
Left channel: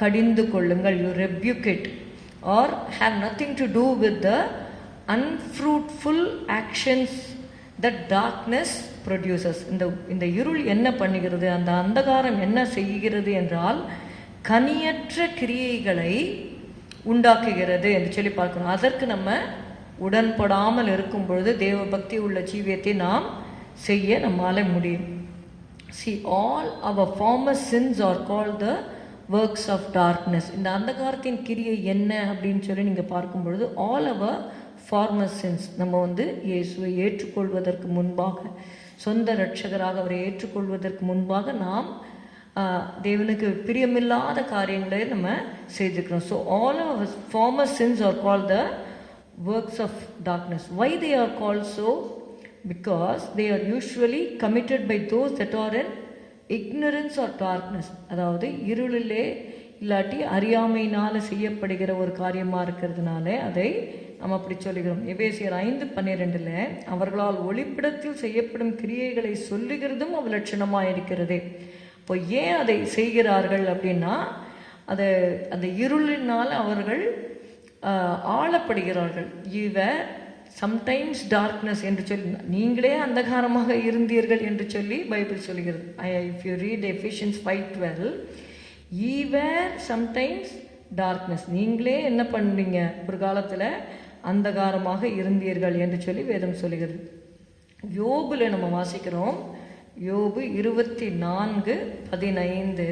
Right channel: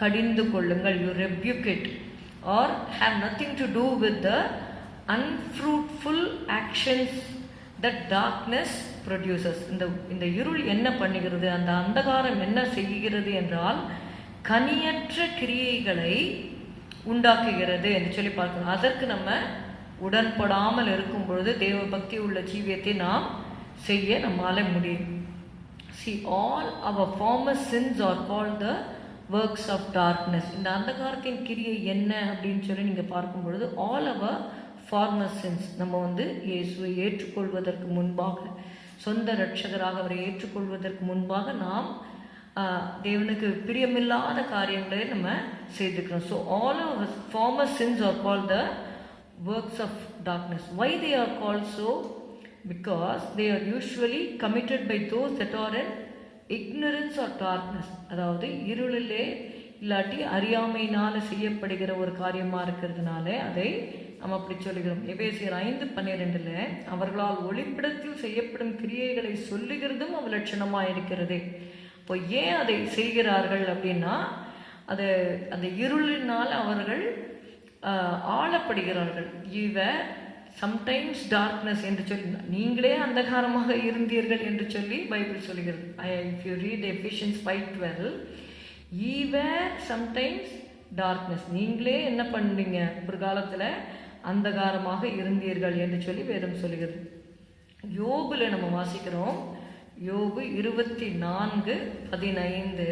கடிந்து கொள்ளுங்கள். You rebuke it or have nothing to do with the unfruitful actions that darkness produces. இந்த இருள் என்ன பண்ணுகிறது, அந்த அந்தகாரம் என்ன செய்கிறது என்றால் கனியற்ற கிரியைகளை உண்டாக்குகிறது என்று சொல்லி பார்க்கணும். அதற்கு நம்ம உடன்படாமல் இருக்கும் பொழுது தேவ பக்தி உள்ள ஜீவியத்தை நாம் செய்ய நம்மால முடியும். See, all our former sins are called the works of darkness. இந்த அந்தகாரத்தின் கிரியை என்ன அப்படின்னு சொல்லி நீங்கள் பார்க்கும் பொழுது all our former sins, நம்ம இயேசுவை ஏற்றுக்கொள்வதற்கு முன்பாக, சொந்த இரட்சகராக அவரை ஏற்றுக்கொள்வதற்கு முன்பாக நாம் தேவனுக்கு பிரியமில்லாத காரியங்களை நம்ம செய்திருக்கிறோம். So all our former sins are called the works of darkness. Why they are called so? Because they are usually committed by those that are in ignorance or darkness. அதாவது இருளிலே இல்லாட்டி அறியாமையினால் செய்யப்படுகிற ஒரு காரியமாக இருக்கிறதுனால அதை நம்ம அப்படி சொல்லுகிறோம். எபேசியர் 5:12, அவர்களால் ஒளிப்பிடத்தில் செய்யப்படும் கிரியைகளை சொல்லுகிறதும் அவலட்சணமாக இருக்கிறதே. இப்போ ஏன் அதை செய்கிறார்கள் அப்படின்னா, அந்த இருளினால் அவர்கள் ஆளப்படுகிறார்கள். சம்டைம்ஸ் டார்க்னஸ் என்று சொல்லி, நீங்களே அந்தகாரமாக இருந்தீர்கள் என்று சொல்லி பைபிள் சொல்கிறது. If you read Ephesians 5:12, sometimes darkness, நீங்களே என்ன பண்ணுறீங்க, ஒரு காலத்தில் அந்தகாரமாக இருந்தீர்கள் என்று சொல்லி வேதம் சொல்லுகிறது. யோபுல நம்ம வாசிக்கிறோம். யோபு 24:15,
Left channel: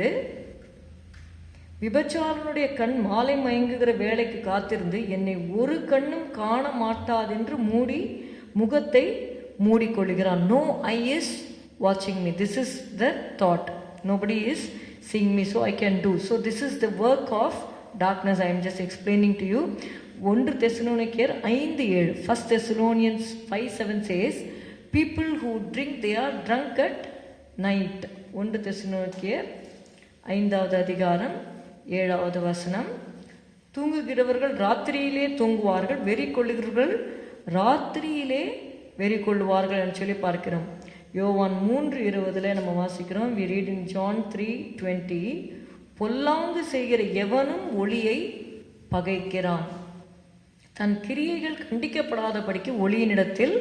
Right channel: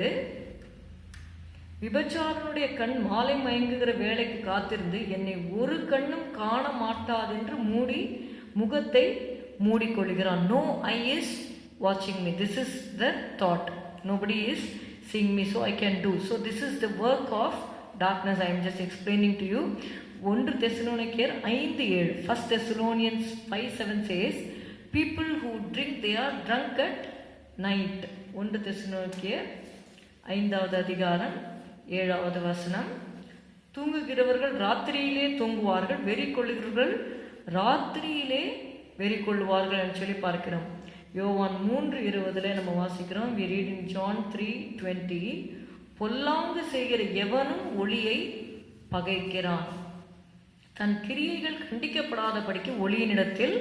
விபச்சாரனுடைய கண் மாலை மயங்குகிற வேலைக்கு காத்திருந்து என்னை ஒரு கண்ணும் காண மாட்டாதென்று முகத்தை மூடிக்கொள்கிறான். No eye is watching me. This is the thought. Nobody is seeing me, so I can do. So this is the work of darkness. I am just explaining to you. 1 தெசலோனிக்கேயர் 5:7. 1 Thessalonians 5:7 says, people who drink, they are drunk at night. 1 தெசலோனிக்கேயர் 5வது அதிகாரம் 7வது வசனம், தூங்குகிறவர்கள் ராத்திரியிலே தூங்குவார்கள், வெறி கொள்ளுகிறவர்கள் ராத்திரியிலே வெறி கொள்ளுவார்கள் என்று சொல்லி பார்க்கிறோம். யோவான் 3:20 நம்ம வாசிக்கிறோம். we read in John 3:20, பொல்லாங்கு செய்கிற எவனும் ஒளியை பகைக்கிறான், தன் கிரியைகள் கண்டிக்கப்படாதபடிக்கு ஒளியினிடத்தில்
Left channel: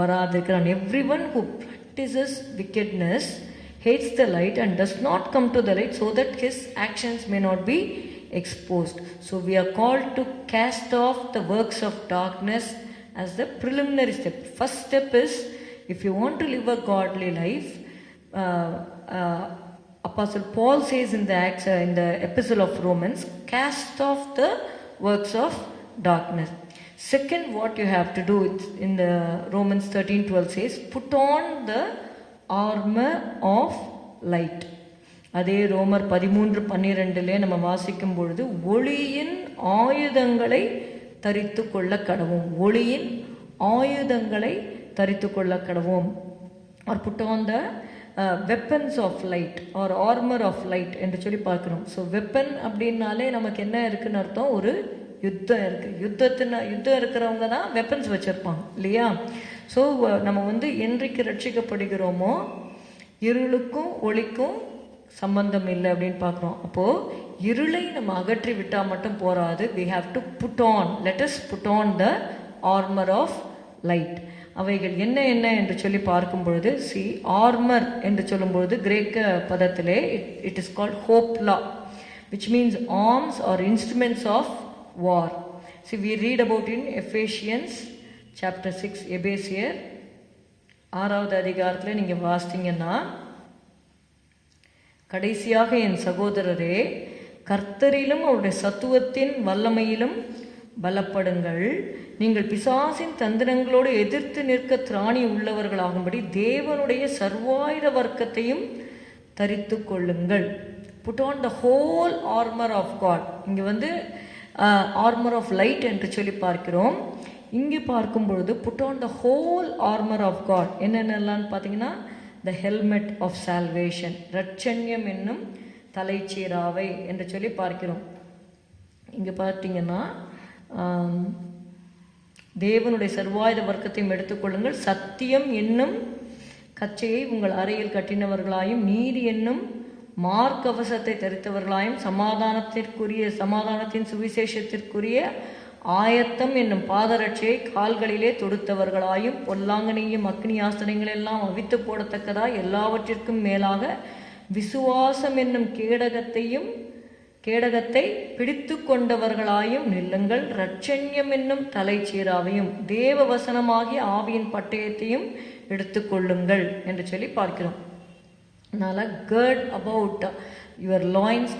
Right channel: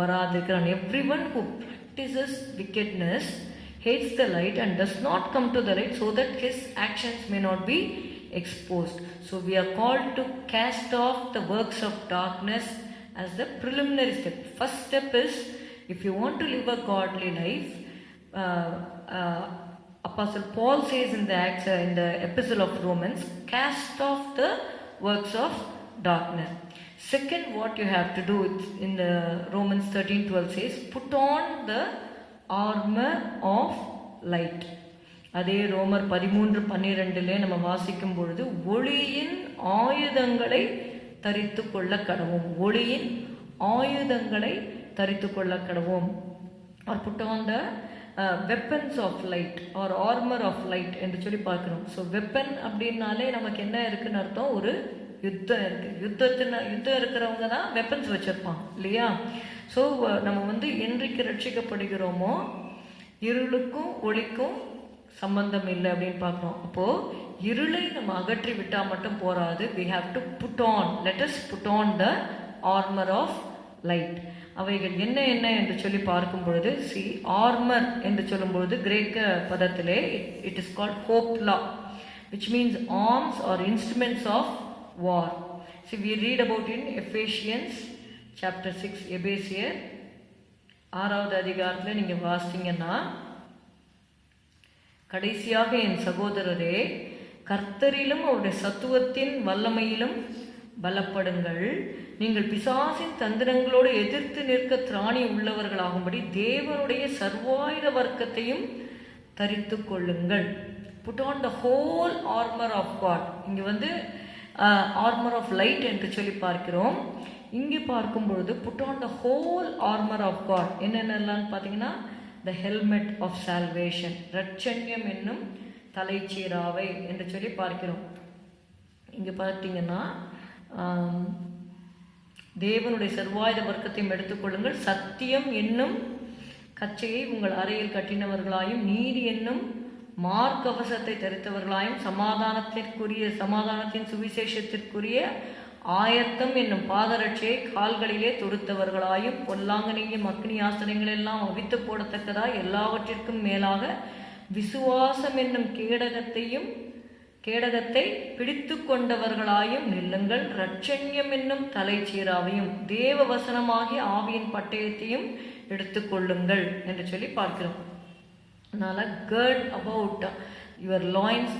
வராதிருக்கிறான். everyone who practices wickedness hates the light and does not come to the light so that his actions may not be exposed. So we are called to cast off the works of darkness as the preliminary step. First step is, if you want to live a godly life, Apostle Paul says in the epistle of Romans, cast off the works of darkness. Second, what you have to do in the Romans 13:12 says, put on the armor of light. அதே ரோமர் 13:12 நம்ம வாசிக்கும் பொழுது, ஒளியின் ஆயுதங்களை தரித்து கொள்ள கடவோம். ஒளியின் ஆயுதங்களை தரித்து கொள்ள கடவோம். or put on the weapons of light or armor of light என்று சொல்லி பார்க்கணும். ஸோ வெப்பன் அப்படின்னாலே நமக்கு என்ன இருக்குன்னு அர்த்தம், ஒரு யுத்தம் இருக்குது. யுத்தம் இருக்கிறவங்க தான் வெப்பன்ஸ் வச்சுருப்பாங்க இல்லையா? ஸோ நம்ம வந்து என்றைக்கு ரட்சிக்கப்படுகிறோமோ இருளுக்கும் ஒளிக்கும் சம்பந்தம் இல்லை அப்படின்னு பார்க்குறோம். அப்போது இருளை நம்ம அகற்றி விட்டால் மட்டும் போராது. we have to let us put on the armor of light. அவைகள் என்ன என்று சொல்லி பார்க்கும் பொழுது, ஆர்மர் என்று சொல்லும் பொழுது கிரேக்க பதத்திலே இட் இஸ் கால்ட் ஹோப்லா, which means arms or instruments of war. We read about in Ephesians chapter 6, எபேசியர் 6வது அதிகாரத்தில் நீங்கள் வாசித்தீங்கன்னா, கடைசியாக என் சகோதரரே, கர்த்தரிலும் அவருடைய சத்துவத்தின் வல்லமையிலும் பலப்படுங்கள். நீங்கள் பிசாசின் தந்திரங்களோடு எதிர்த்து நிற்க திராணி உள்ளவர்களாகும்படி தேவனுடைய சர்வாயுத வர்க்கத்தையும் தரித்து கொள்ளுங்கள். Put on the whole armour of God. இங்கே வந்து ஆர்மர் ஆஃப் லைட் என்று சொல்லி பார்க்கிறோம். இங்கே பார்க்கும் பொழுது put on the whole armour of God என்னென்னலான்னு பார்த்தீங்கன்னா, த ஹெல்மெட் ஆஃப் சால்வேஷன், ரட்சண்யம் என்னும் தலைச்சீராவை என்று சொல்லி பார்க்கிறோம். இங்கே பார்த்தீங்கன்னா தேவனுடைய சர்வாயுத வர்க்கத்தையும் எடுத்துக்கொள்ளுங்கள். சத்தியம் என்னும் கச்சையை உங்கள் அறையில் கட்டினவர்களாயும், நீதி என்னும் மார்க்கவசத்தை தரித்தவர்களாயும், சமாதானத்தின் சுவிசேஷத்திற்குரிய ஆயத்தம் என்னும் பாதரட்சியை கால்களிலே தொடுத்தவர்களாயும், பொல்லாங்கனையும் அக்னி ஆஸ்திரங்களெல்லாம் அவித்து போடத்தக்கதாய் எல்லாவற்றிற்கும் மேலாக விசுவாசம் என்னும் கேடகத்தை பிடித்து கொண்டவர்களாயும் நில்லுங்கள். ரட்சண்யம் என்னும் தலைச்சீராவையும் தேவ வசனமாகிய ஆவியின் பட்டயத்தையும் எடுத்துக்கொள்ளுங்கள் என்று சொல்லி பார்க்கிறோம். அதனால் gird about your loins,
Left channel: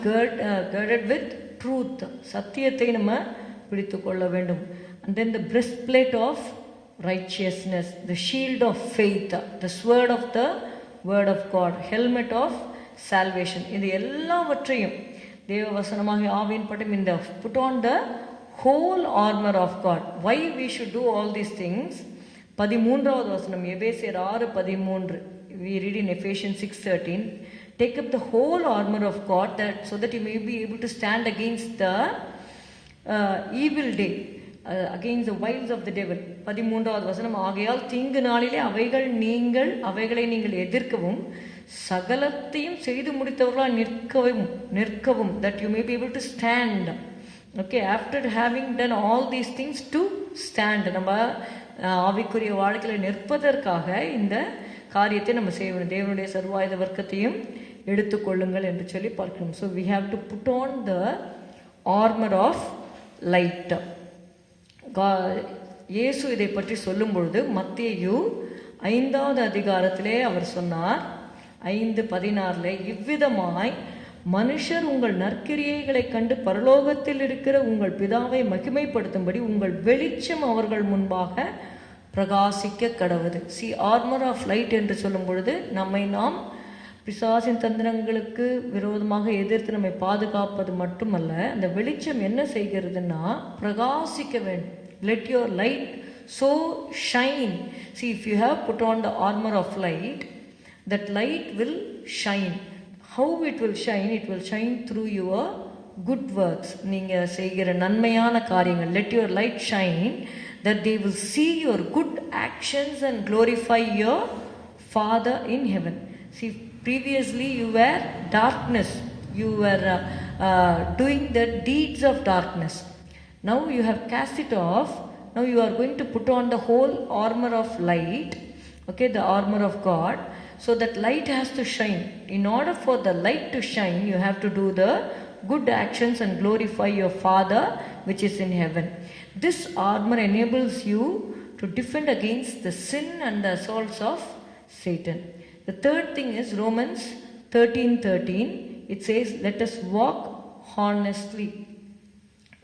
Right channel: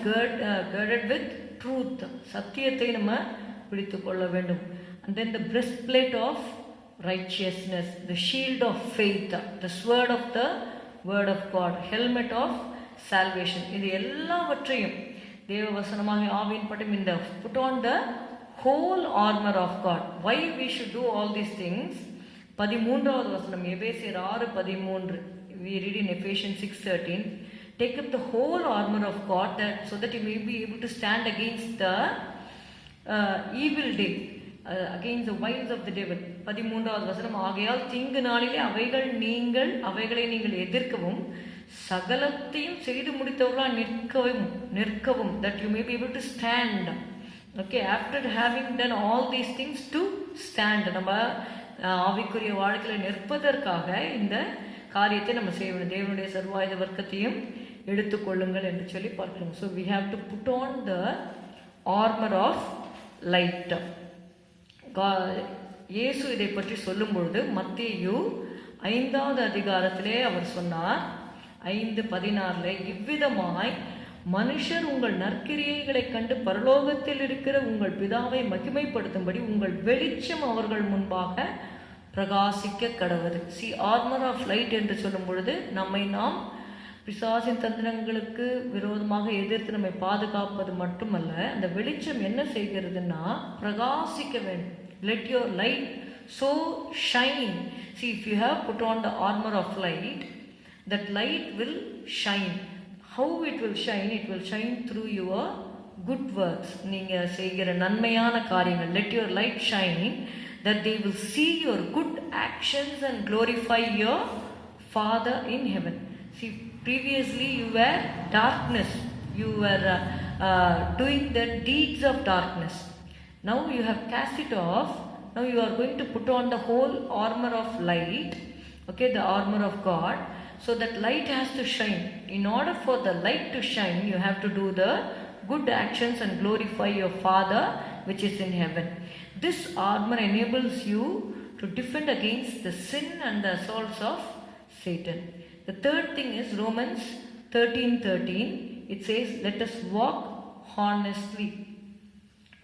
girded with truth, சத்தியத்தை நம்ம பிடித்து கொள்ள வேண்டும். And then the breastplate of righteousness, the shield of faith, the sword of the word of God, helmet of salvation. இது எல்லாவற்றையும் தேவ வசனமாக ஆவியின் பட்டம் இந்த put on the whole armor of God. Why we should do all these things? 13வது வசனம் எபேசியர் 6:13. We read in Ephesians 6:13. Take up the whole armor of God so that you may be able to stand against the evil day, against the wiles of the devil. 13வது வசனம், ஆகையால் தீங்கு நாளிலே அவைகளை நீங்கள் எதிர்க்கவும் சகலத்தையும் செய்து முடித்தவர்களால் நிற்கவும் that you may be able to stand. Okay, after having done all these things, to stand. நம்ம ஆவிக்குரிய வாழ்க்கையில் நிற்பதற்காக இந்த காரியத்தை நம்ம செய்ய வேண்டும். தேவனுடைய சர்வாயுத வர்க்கத்தையும் எடுத்துக்கொள்ளுங்கள் என்று சொல்லி பார்க்கணும். So we have to put on the armor of light. இயேசு இதை பற்றி சொல்லும் பொழுது மத்தேயு 5வது அதிகாரத்திலே அவர் சொன்னார், 5:16, இவ்விதமாய் மனுஷர் உங்கள் நற்கிரியைகளை கண்டு பரலோகத்தில் இருக்கிற உங்கள் பிதாவை மகிமைப்படுத்தும்படி உங்கள் வெளிச்சம் அவர்கள் முன்பாக பிரகாசிக்க கடவுது. ஆர்மர் ஆஃப் லைட் என்று சொல்லும் பொழுது நாம் பிசாசின் தந்திரங்களுக்கு விரோதமாக எதிர்த்து நம்மை பாதுகாப்பது மட்டுமல்ல, அந்த வெளிச்சம் என்ன செய்கிறதுன்னா பிரகாசிக்க வேண்டும். Let your light so shine. If you have put on the armor of light, that light will shine. How it will shine? It will shine through your good works. நீங்கள் செய்கிற நன்மையான காரியங்கள். Let your light shine that they will see your good actions and glorify your Father in heaven. Previously you were darkness. You were doing the deeds of darkness. Now you have cast it off. Now you are going to put on the whole armor of light. Okay, the armor of God. So that light has to shine. In order for the light to shine, you have to do the good actions and glorify your Father which is in heaven. This armor enables you to defend against the sin and the assaults of Satan. The third thing is Romans 13:13. It says, let us walk honestly.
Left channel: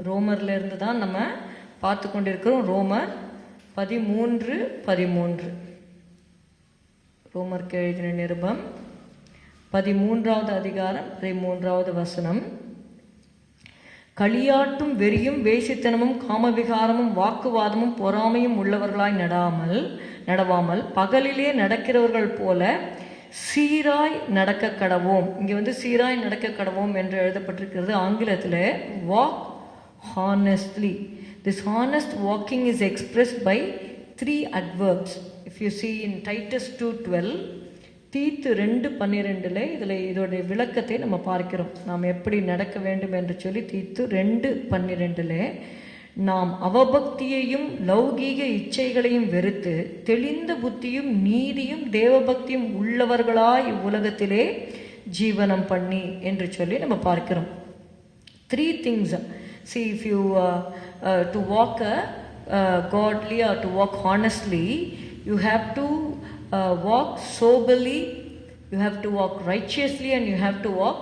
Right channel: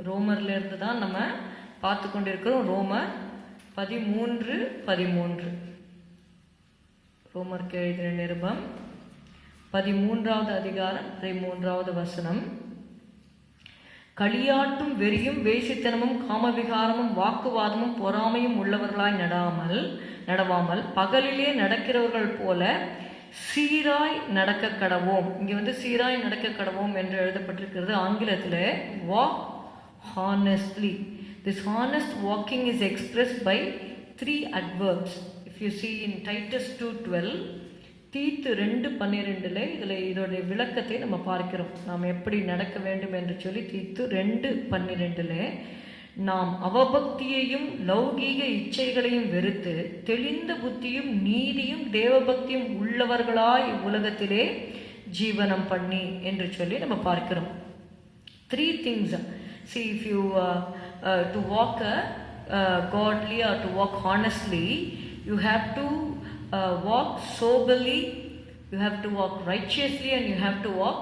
ரோமர்ல இருந்து தான் நம்ம பார்த்து கொண்டிருக்கிறோம். ரோமர் 13:13. ரோமருக்கு எழுதின நிருபம் 13வது அதிகாரம் 13வது வசனம். களியாட்டும் வெறியும் வேசித்தனமும் காமவிகாரமும் வாக்குவாதமும் பொறாமையும் உள்ளவர்களாய் நடவாமல் பகலிலே நடக்கிறவர்கள் போல சீராய் நடக்க கடவோம். இங்கே சீராய் நடக்க கடவோம் என்று எழுதப்பட்டிருக்கிறது. ஆங்கிலத்தில் walk honestly. This honest walking is expressed by 3 adverbs. If you see in Titus 2:12, தீத்து 2:12 இதில் இதோடைய விளக்கத்தை நம்ம பார்க்கிறோம். நாம் எப்படி நடக்க வேண்டும் என்று சொல்லி தீத்து 2:12 நாம் அவபக்தியையும் லௌகீக இச்சைகளையும் வெறுத்து தெளிந்த புத்தியும் நீதியும் தேவபக்தியும் உள்ளவர்களாய் இவ்வுலகத்திலே ஜீவனம் பண்ணி என்று சொல்லி நம்ம பார்க்கிறோம். 3 things. See, if you to walk godly or to walk honestly, you have to walk soberly, you have to walk righteously, and you have to walk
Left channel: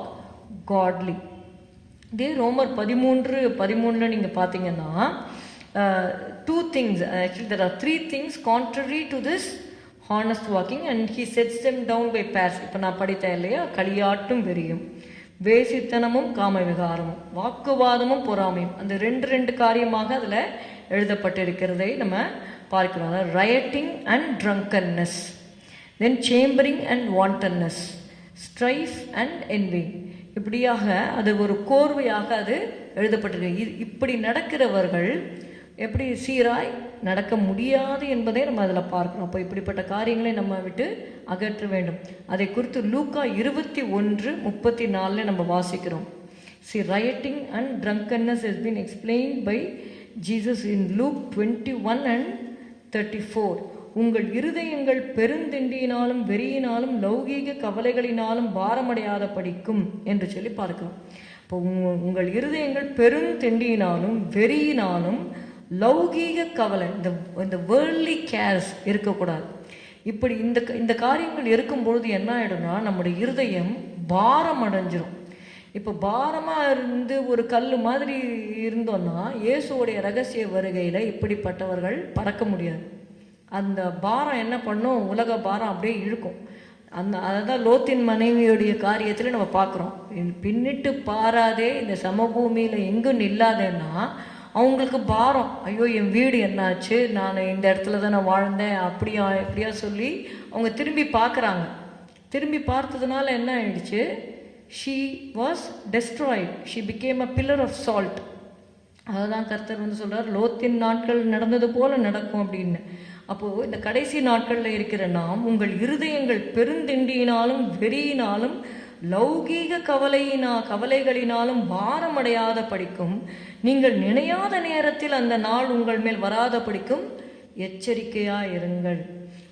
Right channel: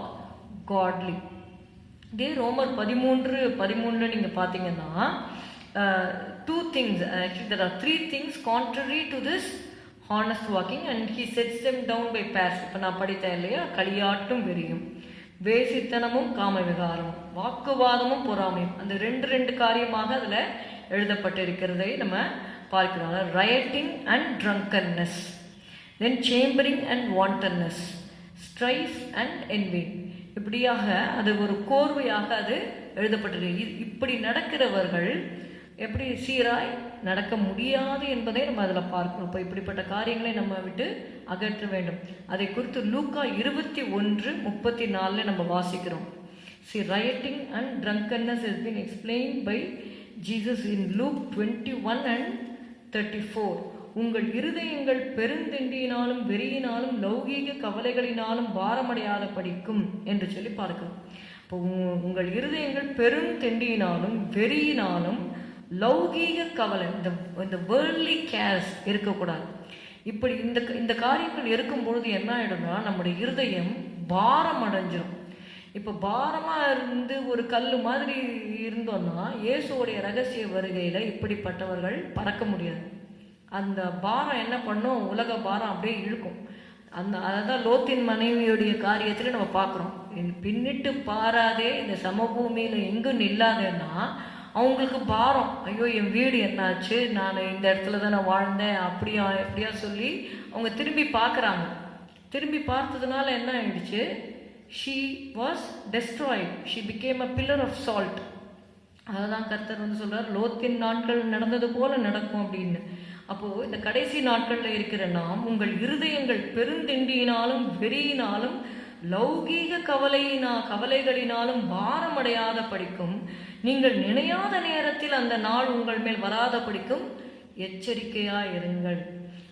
godly. இதே ரோமர் 13:13 நீங்கள் பார்த்தீங்கன்னா 2 things, actually there are 3 things contrary to this honest walking, and he sets them down by pairs. இப்போ நான் படித்தேன் இல்லையா, களியாட்டும் வெறியும், வேசித்தனமும் காம விகாரமும், வாக்குவாதமும் பொறாமையும், அந்த 2 காரியமாக அதில் எழுதப்பட்டிருக்கிறதை நம்ம பார்க்கிறோம். Rioting and drunkenness, then chambering and wantonness, strife and envy, இப்படியாக அது ஒரு கோர்வையாக அது எழுதப்பட்டிருக்கு. இப்படி நடக்கிறவர்கள் எப்படி சீராய் நடக்க முடியாது என்பதை நம்ம அதில் பார்க்கணும். அப்போ இப்படிப்பட்ட காரியங்களை நம்ம விட்டு அகற்ற வேண்டும். அதை குறித்து லூக்கா 21:34 நம்ம வாசிக்கிறோம். See, rioting and drunkenness has been explained by Jesus in Luke 21:34. உங்கள் இருதயங்கள் பெருந்தெண்டியினாலும் வெறியினாலும் லௌகீக கவலைகளினாலும் பாரமடையாத படிக்கும் என்று சொல்லி பார்க்கிறோம். இப்போ உங்கள் இருதயங்கள் பெருந்தெண்டியினாலும் வெறியினாலும் லௌகீக கவலை, இந்த வேர்ல்ட்லி கேர்ஸ் இருக்கக்கூடாது. இப்படி இந்த காரியங்கள் இருக்கும்பொழுது என்ன ஆகிடும்னா நம்முடைய இருதயம் பாரம் அடைஞ்சிடும். இப்போ பாரமாக இருந்து ஒரு கல் மாதிரி இருந்தோன்னா இயேசுவோடைய ரகசிய வருகையில் இப்படிப்பட்டவர்கள் பறக்க முடியாது. அந்த பாரம் என்ன பண்ணும், உலக பாரம் அப்படியே இழுக்கும். அதுதான் லோத்தின் மனைவியுடைய காரியத்தில் நம்ம பார்க்குறோம். பின்னிட்டு பாராதே இந்த சமபூமியில் எங்கும் நில்லாதேன்னா அவங்களுக்கு பாரம். ஐயோ என் வீடு என்னாச்சு, நான் இந்த இடத்துல தான் நான் வாழ்ந்தேன், அப்படியா எப்படியா சொல்லி அவங்க திரும்பி பார்க்குறாங்க. திரும்பி பார்த்ததுனால என்ன ஆயிடுச்சு, she was destroyed, she became a pillar of salt. அதுதான் கர்த்தர் சொல்கிறார், லோத்தின் நாட்கள் நடந்தது போல நடக்கும் அப்படின்னு. அப்போது இந்த கடைசி நாட்களில் இருக்கிற நாம் உங்கள் இருதயங்கள் பெருந்திண்டியினாலும் வெறியினாலும் லௌகீக கவலைகளினாலும் பாரமடையாத படிக்கும், நீங்கள் நினையாத நேரத்தில் அந்த நாள் உங்கள் மேல் வராத படிக்கும் எச்சரிக்கையாக இருங்கள்.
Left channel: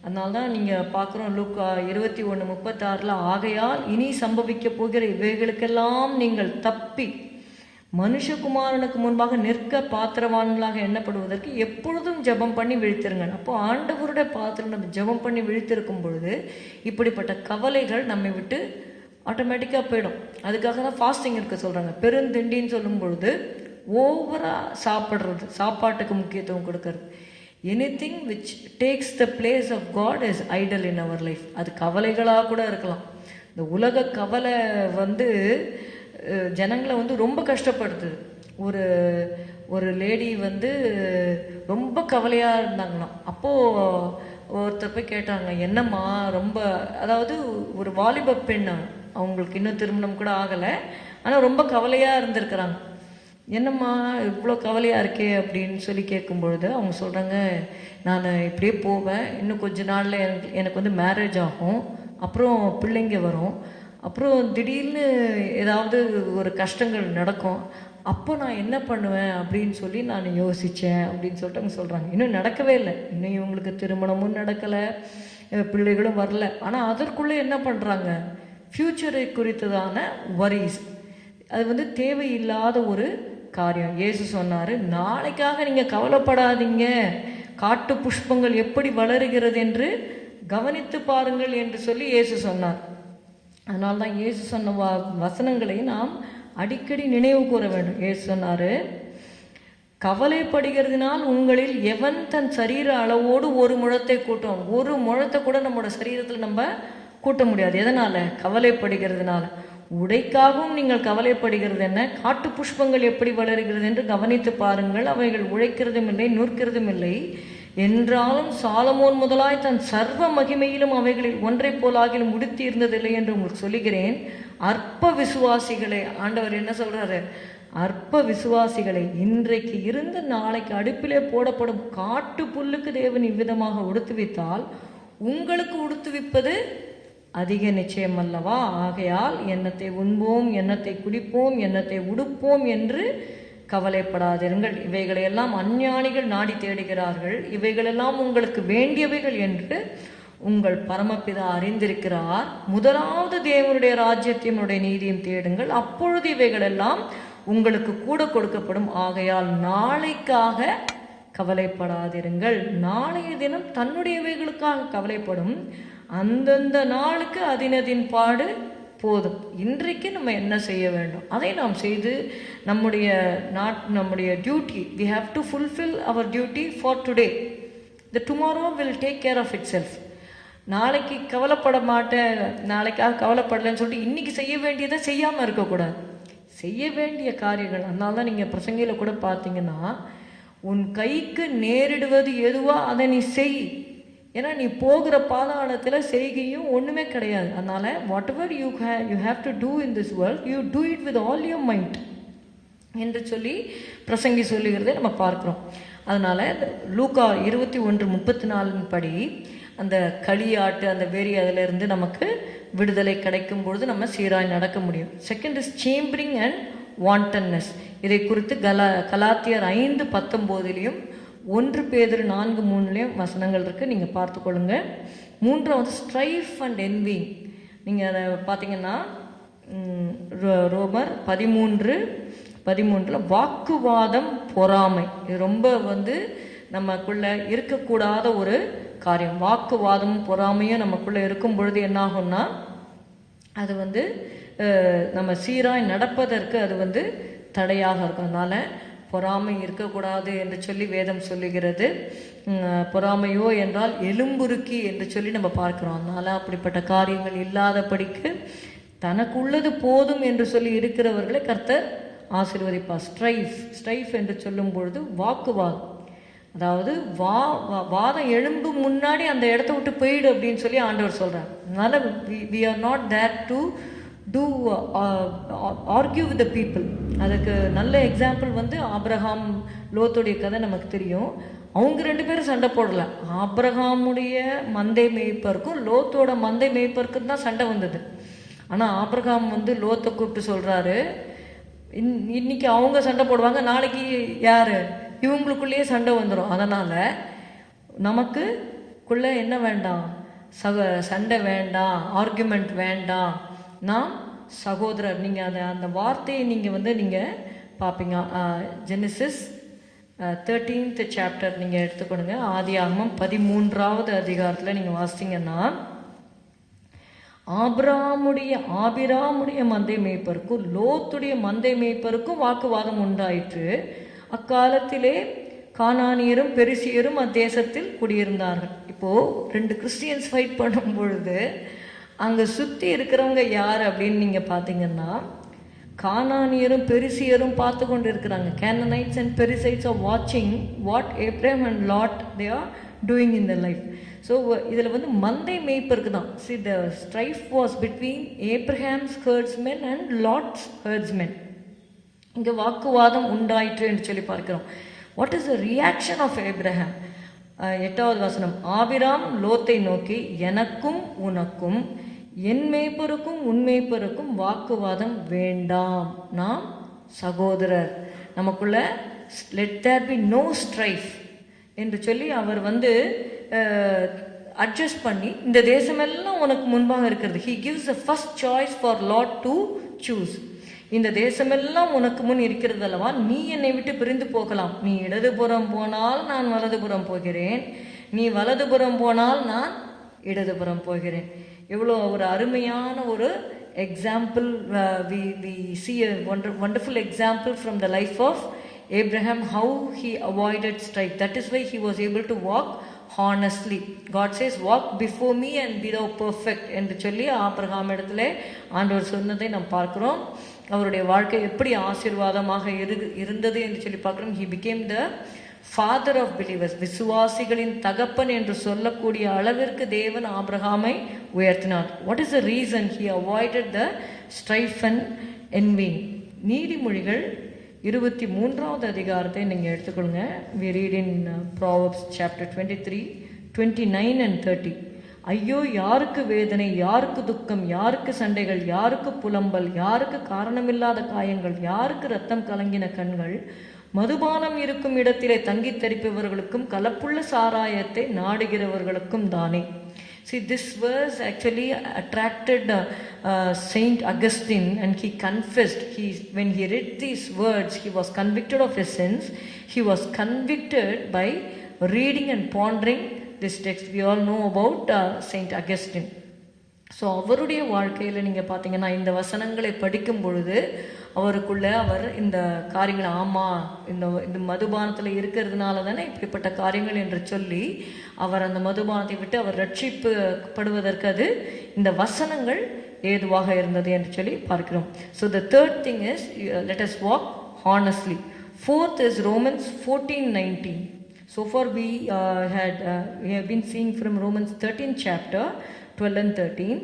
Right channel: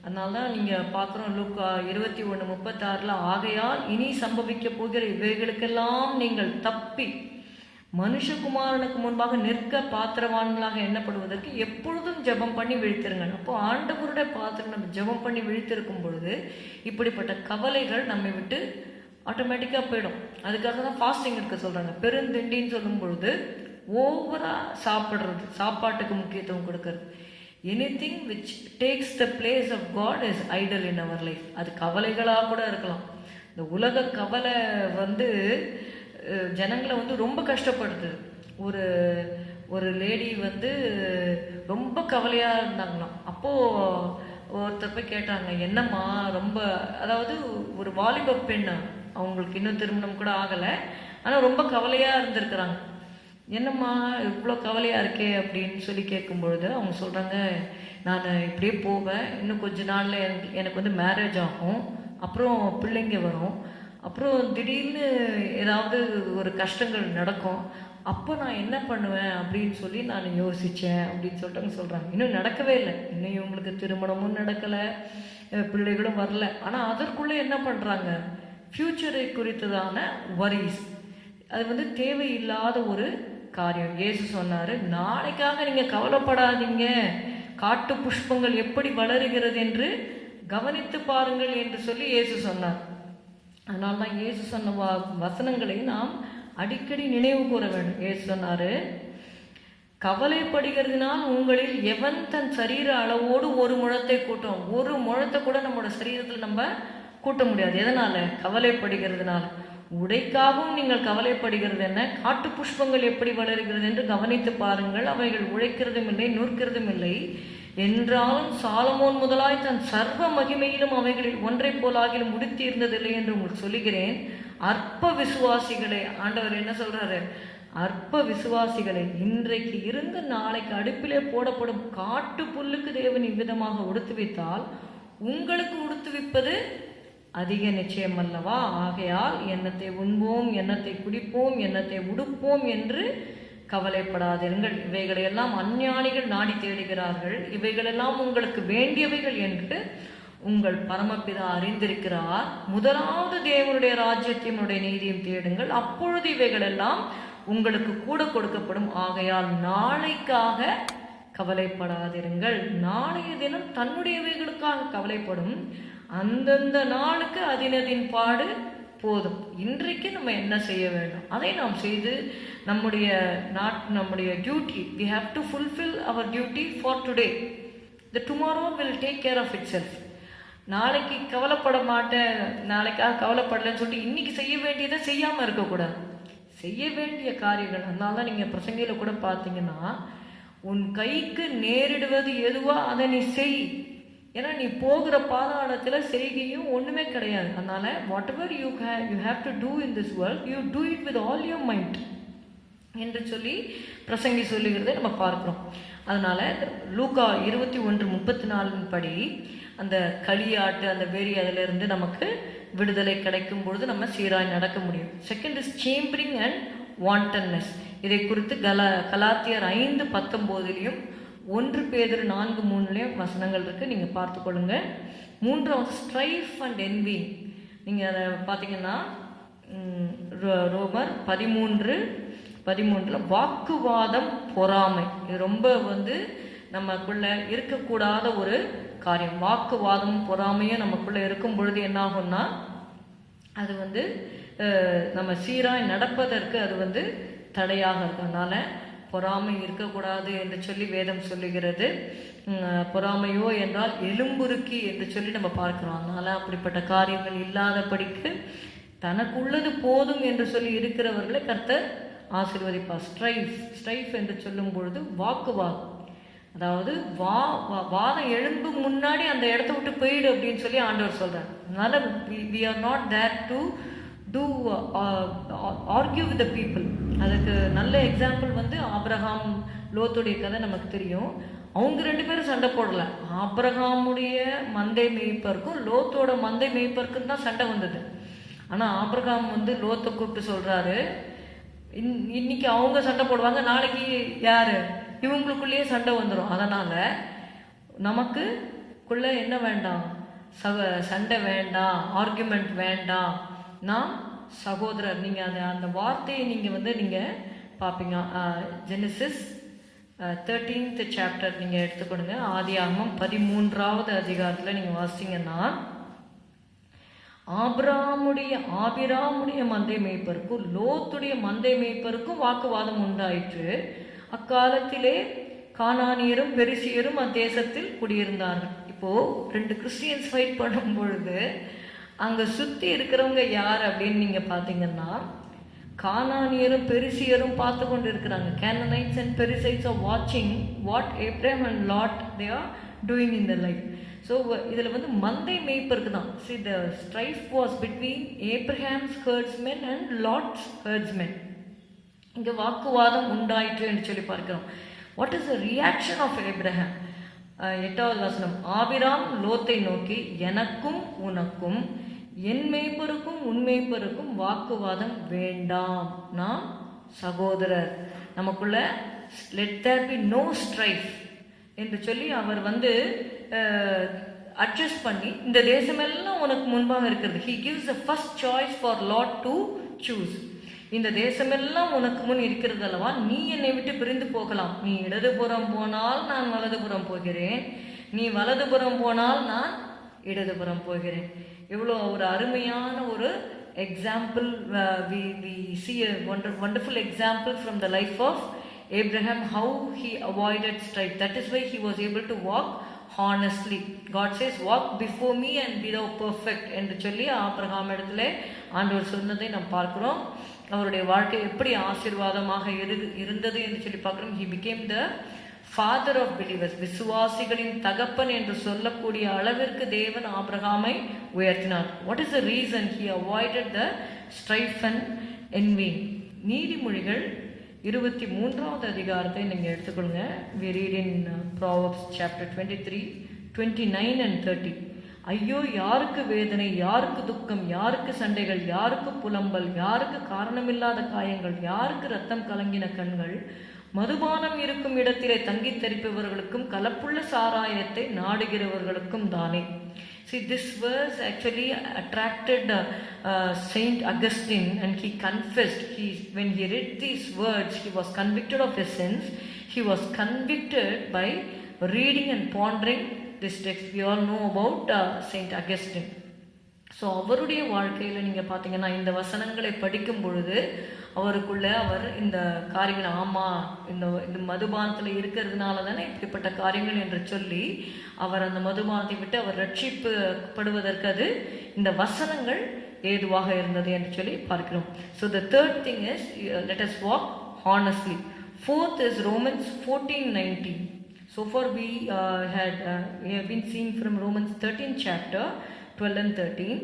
அதனால தான் நீங்கள் பார்க்குறோம் லூக்கா 21:36 ஆகையால் இனி சம்பவிக்க போகிற இவைகளுக்கெல்லாம் நீங்கள் தப்பி மனுஷகுமாரனுக்கு முன்பாக நிற்க பாத்திரவான்களாக எண்ணப்படுவதற்கு எப்பொழுதும் ஜெபம் பண்ணி விழித்திருங்க. அப்போ ஆண்டவருடைய பாத்திரம் நம்ம ஜெபம் பண்ணி விழித்திருக்கும் பொழுது இப்படிப்பட்ட கவலைகள் நம்மை விட்டு ஆட்டோமேட்டிக்காக போயிடும். அதுக்காக தான் ஃபாஸ்டிங் இருக்க சொல்கிறாங்க. பெருந்திண்டின்னு சொல்லும் பொழுது ஓவராக சாப்பிட்றது, சாப்பாட்டுக்கு முக்கியத்துவம் கொடுக்கறது. Anything which takes the place of God is idol in our life. அது கவலைகளாக கூட இருக்கலாம். இந்த உலக கவலை ஜனங்களை ரொம்ப கஷ்டப்படுத்துது. ஒரு லேடி ரொம்ப கவலையாக இருந்தாங்களாம். அப்போது ஒருத்தர் போய் கேட்டாங்க, என்னம்மா ரொம்ப, அதாவது ஒரு வாலிப பெண், அவங்களுக்கு இன்னும் திருமணம் கூட ஆகலை, ஆனால் ரொம்ப கவலையாக இருந்திருக்கிறாங்க. என்னம்மா இவ்வளோ கவலையாக இருக்கே அப்படின்னு சொல்லி கேட்கும்பொழுது அவங்க சொல்கிறாங்க, நான் இப்படியே போவேன், இன்னும் கொஞ்ச நாளில் எனக்கு மேரேஜ் ஆகும், அப்புறம் பிள்ளைங்க வரும், அப்புறம் திடீர்னு ஏதாவது ஒரு கஷ்டங்கள் நடக்கும், அப்போ நான் என்ன பண்ணுவேன் அப்படின்னு சொல்லி நான் யோசித்தேன் அப்படின்னு சொல்லிட்டு அவங்க சொல்கிறாங்க. இன்னும் நடக்கவே இல்லை, இன்னும் இவங்களுக்கு திருமணமும் நடக்கலை, பிள்ளைகளும் வரல. ஆனால் அதற்குள்ளே என்ன பண்ணுறாங்க, ஃப்யூச்சரை குறித்ததான வரிஸ், அது தேவையில்லாத ஒரு காரியம். இயேசு சொன்னார், நாளைக்காக நீங்கள் கவலைப்படாதீங்க, காட்டு புஷ்பங்கள் எப்படி வளருகிறது என்று கவனித்து பாருங்கள் என்று சொல்லி இயேசு சொன்னார். அதனால தான் இயேசு சொன்ன வசனங்களை நாம் அடிக்கடி நினைவு கூற வேண்டும். இயேசு சொன்னார், கவலைப்படுகிறதுனால் உங்களில் எவன் தன் சரீர அளவோடு ஒரு முழத்தை கூட்டும், ஒரு முழத்தை கூட நம்மளோட சரீரத்தில் நம்ம கூட்ட முடியாது. எதனால்? கவலைப்படுகிறதுனால. உடைக்காகவும் நீங்கள் கவலைப்படுகிறது என்ன, காட்டு புஷ்பங்கள் எப்படி வளருகிறது என்று கவனித்து பாருங்கள், அவைகள் உழைக்கிறதும் இல்லை நூற்கிறதும் இல்லை, என்றாலும் சாலமோன் முதலாய் தன் சர்வ மகிமையிலும் அவைகளில் ஒன்றை போலாகிலும் உடுத்தி இருந்ததில்லை என்று உங்களுக்கு சொல்லுகிறேன். அற்ப விசுவாசிகளே, ஆண்டவர் என்ன சொல்றாரு, அற்ப விசுவாசிகளை, இன்றைக்கு இருந்து நாளைக்கு அடுப்பிலே போடப்படும் காட்டு புல்லுக்கு தேவன் இவ்விதமாக உடுத்துவித்தால் உங்களுக்கு உடுத்துவிப்பது அதிக நிச்சயம் அல்லவா? ஆகையால் எண்ணத்தை உண்போம், எண்ணத்தை குடிப்போம், எண்ணத்தை உடுப்போம் என்று கவலைப்படாதிருங்கள். இவைகளையெல்லாம் அஞ்ஞானிகள் நாடி தேடுகிறார்கள். இவைகளெல்லாம் உங்களுக்கு வேண்டியவைகள் என்று உங்கள் பரமபிதா அறிந்திருக்கிறார். முதலாவது தேவனுடைய ராஜ்யத்தையும் நீதியும் தேடுங்கள், அப்பொழுது இவைகளெல்லாம் உங்களுக்கு கூட கொடுக்கப்படும். ஆகையால் நாளைக்காக கவலைப்படாதிருங்கள். நாளைய தினம் தன்னுடையவைகளுக்காக கவலைப்படும். அந்தந்த நாளுக்கு அதினதின் பாடு போதும். இன்றைக்கு நம்ம என்ன செய்ய வேண்டும் அதை நாம் செய்து நம்முடைய duty, we have to fulfill our duty for today. The tomorrow will take care of itself. நாளைக்கு கவலைப்பட மாட்டேன், நாளைக்காக கவலைப்படலன்னு சொல்லிட்டு இன்னைக்கு செய்ய வேண்டியதை செய்யாமல் இருக்கக்கூடாது. செய்ய வேண்டிய காரியங்கள், அதனால தான் நீங்கள் பிரசங்கையில் கூட பார்த்தீங்கன்னா, உன் கைக்கு நேரிடுவது எதுவோ அதை நீ செய். ஏன்னா நீ போகிற பாதாளத்தில் செய்கையும் ஒன்றுமே கிடையாது. அதனால் whatever you have to do in this world, you do it with all your mind என்று சொல்லி பிரசங்கி சொல்லுகிறதை நம்ம பார்க்குறோம். அதனால் லூக்கா 21:34 படி அந்த களியாட்டு, அந்த வெறி, அதிலிருந்து நமக்கு விடுதலை கிடைக்கும் பொழுது நம்ம சீராய் நடக்க முடியும். Second is chambering and wantonness. இதை குறித்து கலாத்தியர் 5:19 1 பேதுரு 4:3 வசனங்கள் இருக்குது, நீங்கள் பார்த்துக்கொள்ளுங்க. மூன்றாவது ஸ்ட்ரைஃப் அண்ட் என்வி. நீங்கள் அதை பார்த்தீங்கன்னா ரோமர் 13:13 வாக்குவாதம், பொறாமை. இது ரொம்ப நமக்குள்ள இருக்கக்கூடாத ஒரு காரியம். வாக்குவாதமும் பொறாமையும் நமக்குள்ளே இருக்கும் பொழுது என்னாகும்னா அது நம்ம சீராய் நடப்பதற்கு அது தடையாக இருக்கும். அதனால் பொறாமை இருக்கக்கூடாது என்று சொல்லி வேதம் சொல்லுகிறது. பொறாமையோ என்றால் எலும்புருக்கி என்று சொல்லி நம்ம பார்க்கிறோம். அதனால் அப்படிப்பட்ட காரியங்கள் இல்லாதபடிக்கு தனக்குள்ளது போதும் என்று சொல்லி இருக்கிறவர்களை கர்த்தர் ஆசீர்வதிப்பார். ஸ்ட்ரைஃப் என்று சொல்லும் பொழுது வாக்குவாதம், அதாவது வாதம் எழும்பு முன்னாடி அந்த இடத்த விட்டு போயிடு அப்படின்னு சொல்லி ஆண்டவர் சொல்கிறார். அதனால் we are not there to do argue with the people. அதுக்கு நல்ல எக்ஸாம்பிள் ஆபிரகாம் லோத்துடைய கதை நமக்கு தெரியும். அவங்க 2 பேரும் சண்டை போடல. ஆபிரகாமுடைய மந்தை மேய்ப்பருக்கும் லோத்தோட மந்தை மேய்ப்பருக்கும் தான் சண்டை வந்தது. ஆனால் ஆபிரகாம் லோத்தை கூப்பிட்டு சொல்கிறாரு, இன்னைக்கு அவங்க சண்டை போடுவாங்க, நாளைக்கு யார், இவங்களுக்குள்ளேயே சண்டை வந்துடும். அதனால் நமக்குள்ளே என்ன வேண்டாம், சண்டை வேண்டாம், ஆர்குமெண்ட் வேண்டாம், நாம் சகோதரர். நீங்கள் அந்த வார்த்தையை நீங்கள் பார்ப்பீங்க. ஜெனிசிஸ் 13th chapter நீங்கள் எடுத்துக்கொடுங்க. ஆதியாகமம் 13வது அதிகாரத்தில் நீங்கள் வாசித்தீங்கன்னா, ஆபிராமுடைய மந்தை மேய்ப்பருக்கும் லோத்துடைய மந்தை மேய்ப்பருக்கும் வாக்குவாதம் உண்டாயிற்று. அக்காலத்திலே கானானியரும் பெரிசியரும் அத்தேசத்தில் குடியிருந்தார்கள். இப்போது 2 கிறிஸ்டியன்ஸ் ஃபைட் பண்ணும் பொழுது அங்கே சுற்றி இருக்கிறவங்க யார் அப்படின்னு நீங்கள் பார்த்தீங்கன்னா, கானானியரும் பெரிசியரும் பார்த்து கொண்டு இருக்கிறாங்க. Canaanites and Perizzites are watching what Abraham and Lot they are doing in their life. So இதில் மந்தை மேய்ப்பருக்கு தான். See, the strife was between Abraham's herdsmen and Lot's herdsmen. இங்கே வாக்குவாதம் உண்டாயிற்று என்று சொல்லி பார்க்கிறோம். What is the reaction of Abraham? 8வது வசனம், ஆபிராம் லோத்தை நோக்கி, எனக்கும் உனக்கும் என் மேய்ப்பருக்கும் உன் மேய்ப்பருக்கும் வாக்குவாதம் வேண்டாம், நாம் சகோதரர், நமக்குள்ள let there be no strife என்று சொல்லி அவர் அட்ஜஸ்ட் பண்ணி, இந்த தேசமெல்லாம் உனக்கு முன்பாக இருக்கிறது. He gives the first choice for Lot to choose. இந்த தேசமெல்லாம் உனக்கு முன் இருக்கிறது அல்லவா, நீ என்னை விட்டு பிரிந்து போகலாம். நீ இடதுபுறம் போனால் நான் வலதுபுறம் போகிறேன், நீ வலதுபுறம் போனால் நான் இடதுபுறம் போகிறேன். எவ்வளோ ஒரு அருமையான ஒரு example. we see a wonderful example from the life of Abraham, how he avoided strife. That is why he was able to walk honestly. God says, walk before me and be thou perfect என்று சொல்லி Abraham இடத்துல ஆண்டவர் சொன்னதை நாம் பார்க்கிறோம். அவருடைய வாழ்க்கை எப்படி ஆசீர்வாதமாக இருந்தது என்று சொல்லி பார்க்கிறோம். he became the father of believers. விசுவாசிகளின் தகப்பன் என்று சொல்லக்கூடிய அளவிற்கு தேவன் ஆபிரகாமை உயர்த்தினார். what is the reason he avoided the strife and envy? நீதிமொழிகள் 23வது அதிகாரத்தை நீங்கள் எடுத்துக்கொள்ளுங்க. we read in Proverbs chapter 23, 29 and 30. ஐயோ, யாருக்கு வேதனை, யாருக்கு துக்கம், யாருக்கு சண்டைகள், யாருக்கு புலம்பல், யாருக்கு காரணமில்லாத காயங்கள், யாருக்கு ரத்தம் கலங்கின கண்கள், மதுபானம் இருக்கும் இடத்திலே தங்கி தரிப்பவர்களுக்கும் கலப்புள்ள சாராயத்தை நாடுகிறவர்களுக்கும் தானே. See, this verse actually attracted Saint Augustine, and he confessed. When he read these words, he was convicted of his sins. He was convicted by reading and pondering this text. We all know about Saint Augustine. So அவருடைய வாழ்க்கையில் நீங்கள் பார்த்தீங்கன்னா இந்த வசனங்களை படிக்கும் பொழுது அவருக்குள்ளே அவர் இந்த காரியங்களை, ஆமாம் இந்த மதுபானத்தில் இருக்கிறதுனால தானே இப்படிப்பட்ட காரியங்கள் என்று சொல்லி அவர் அந்த மதுபானத்தை விட்டு அவர் ரட்சிக்கப்படுவதற்கு அது இந்த வசனங்கள் ஏதுவாக இருந்தது என்று சொல்லி பார்க்கிறோம். So the third thing is let us walk honestly. Fourth is Romans 14:19. So far we have been seeing from Romans 13 chapter 12 and 13.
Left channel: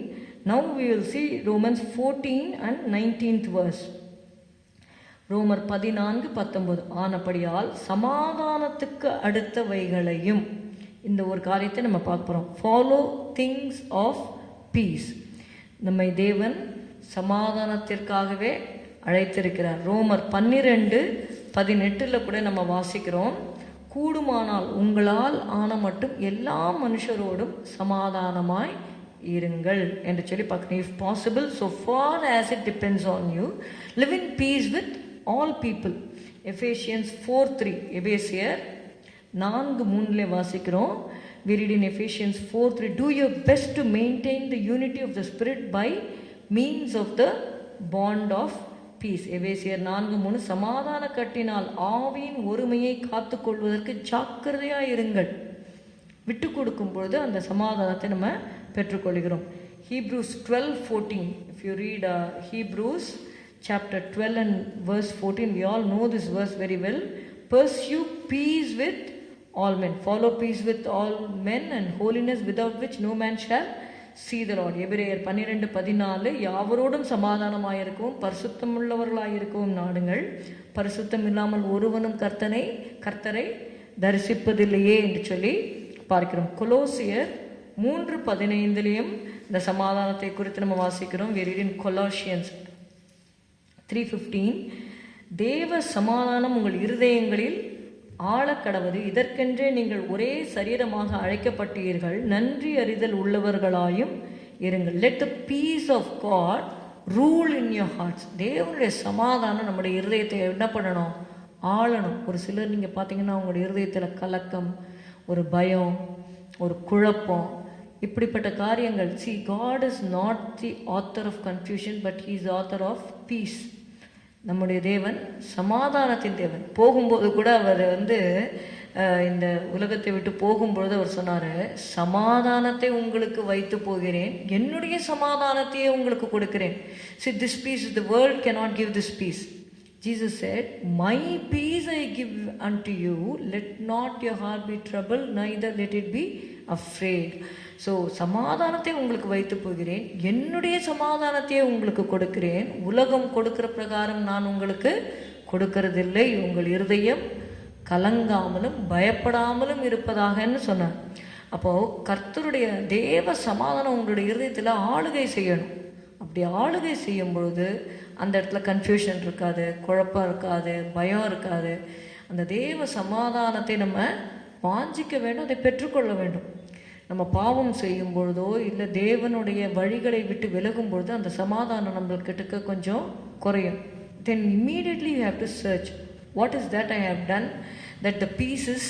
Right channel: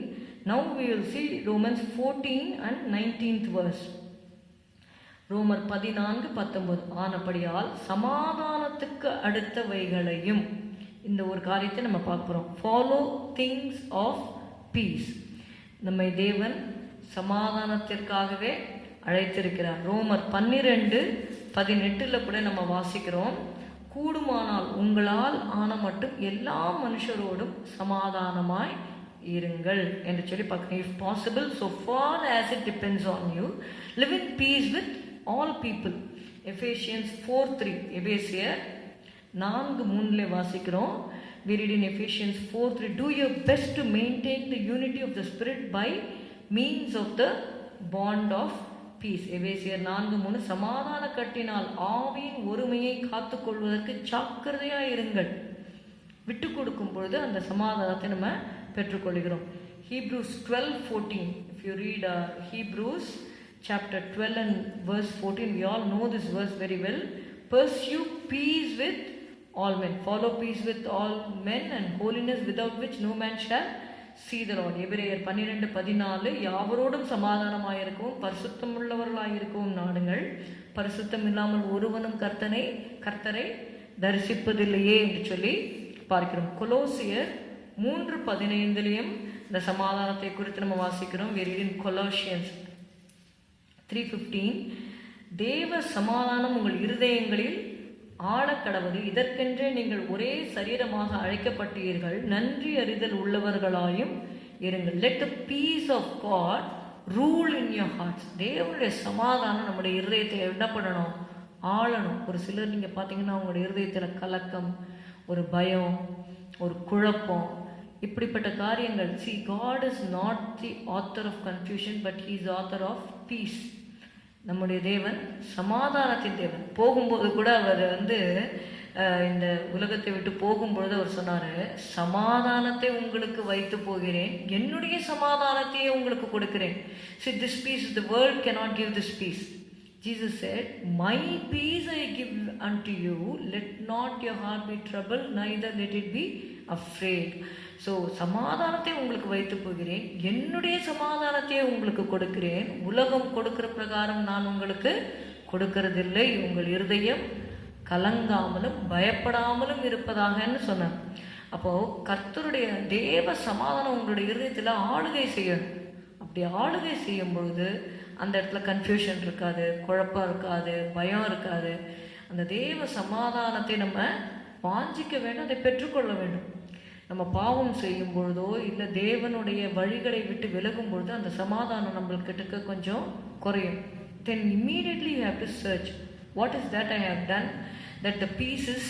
Now we will see Romans 14 and 19th verse. ரோமர் 14:19. ஆனபடியால் சமாதானத்துக்கு அடுத்தவைகளையும், இந்த ஒரு காரியத்தை நம்ம பார்க்க போகிறோம். Follow things of peace. நம்மை தேவன் சமாதானத்திற்காகவே அழைத்திருக்கிறார். ரோமர் 12:18 கூட நம்ம வாசிக்கிறோம், கூடுமானால் உங்களால் ஆன மட்டும் எல்லா மனுஷரோடும் சமாதானமாய் இருங்கள் என்று சொல்லி பார்க்கணும். If possible, so far as it depends on you, live in peace with all people. Ephesians 4:3. எபேசியர் 4:3 வாசிக்கிறோம். We read in Ephesians 4:3, do your best to maintain the unity of the Spirit by means of the bond of peace. எபேசியர் 4:3, சமாதான கட்டினால் ஆவியின் ஒருமையை காத்து கொள்வதற்கு ஜாக்கிரதையாக இருங்கள். விட்டு கொடுக்கும் பொழுது அந்த சமாதானத்தை நம்ம பெற்றுக்கொள்கிறோம். Hebrews 12:14. If you read Hebrews chapter 12 and verse 14, we all know this verse very well. Pursue peace with all men, follow peace with all men and holiness, without which no man shall see the Lord. எபிரேயர் 12:14, யாவரோடும் சமாதானமாயிருக்கவும் பரிசுத்தம் உள்ளவர்களாயிருக்கவும் நாடுங்கள், பரிசுத்தம் இல்லாமல் ஒருவனும் கர்த்தரை தரிசிப்பதில்லையே என்று சொல்லி பார்க்கிறோம். கொலோசியர் 3:15 இந்த சமாதானத்தை குறித்து நம்ம வாசிக்கிறோம். We read in Colossians 3:15, தேவ சமாதானம் உங்கள் இருதயங்களில் ஆழக்கடவது, இதற்கென்றே நீங்கள் ஒரே சரீரமாக அழைக்கப்பட்டீர்கள், நன்றி அறிதல் உள்ளவர்களாயும் இருங்கள். Let the peace of God rule in your hearts. தேவனுடைய சமாதானம் நம்முடைய இருதயத்தை என்ன பண்ணணும்? ஆளணும். ஒரு சிலர் நீங்கள் பார்த்தீங்கன்னா உங்களுடைய இருதயத்தில் கலக்கம், ஒரு பயம், ஒரு குழப்பம், இப்படிப்பட்ட காரியங்கள். See, God is not the author of confusion, but He is the author of peace. நம்முடைய தேவன் சமாதானத்தின் தேவன். போகும்போது கூட அவர் இந்த உலகத்தை விட்டு போகும்பொழுது அவர் சொன்னார், சமாதானத்தை உங்களுக்கு வைத்து போகிறேன், என்னுடைய சமாதானத்தையே உங்களுக்கு கொடுக்கிறேன். See, this peace, the world cannot give this peace. Jesus said, my peace I give unto you, let not your heart be troubled, neither let it be afraid. So சமாதானத்தை உங்களுக்கு வைத்து போகிறேன், என்னுடைய சமாதானத்தையே உங்களுக்கு கொடுக்கிறேன், உலகம் கொடுக்கிற பிரகாரம் நான் உங்களுக்கு கொடுக்கறதில்லை, உங்கள் இருதயம் கலங்காமலும் பயப்படாமலும் இருப்பதாகன்னு சொன்னார். அப்போது கர்த்தருடைய தேவ சமாதானம் உங்களுடைய இருதயத்தில் ஆளுகை செய்யணும். அப்படி ஆளுகை செய்யும் பொழுது அந்த இடத்துல கன்ஃபியூஷன் இருக்காது, குழப்பம் இருக்காது, பயம் இருக்காது. அந்த தேவ சமாதானத்தை நம்ம வாஞ்சிக்க வேண்டும், அதை பெற்றுக்கொள்ள வேண்டும். நம்ம பாவம் செய்யும் பொழுதோ இல்லை தேவனுடைய வழிகளை விட்டு விலகும் பொழுது அந்த சமாதானம் நம்மளுக்கிட்ட கொஞ்சம் குறையும். Then immediately you have to search, what is that I have done that the peace is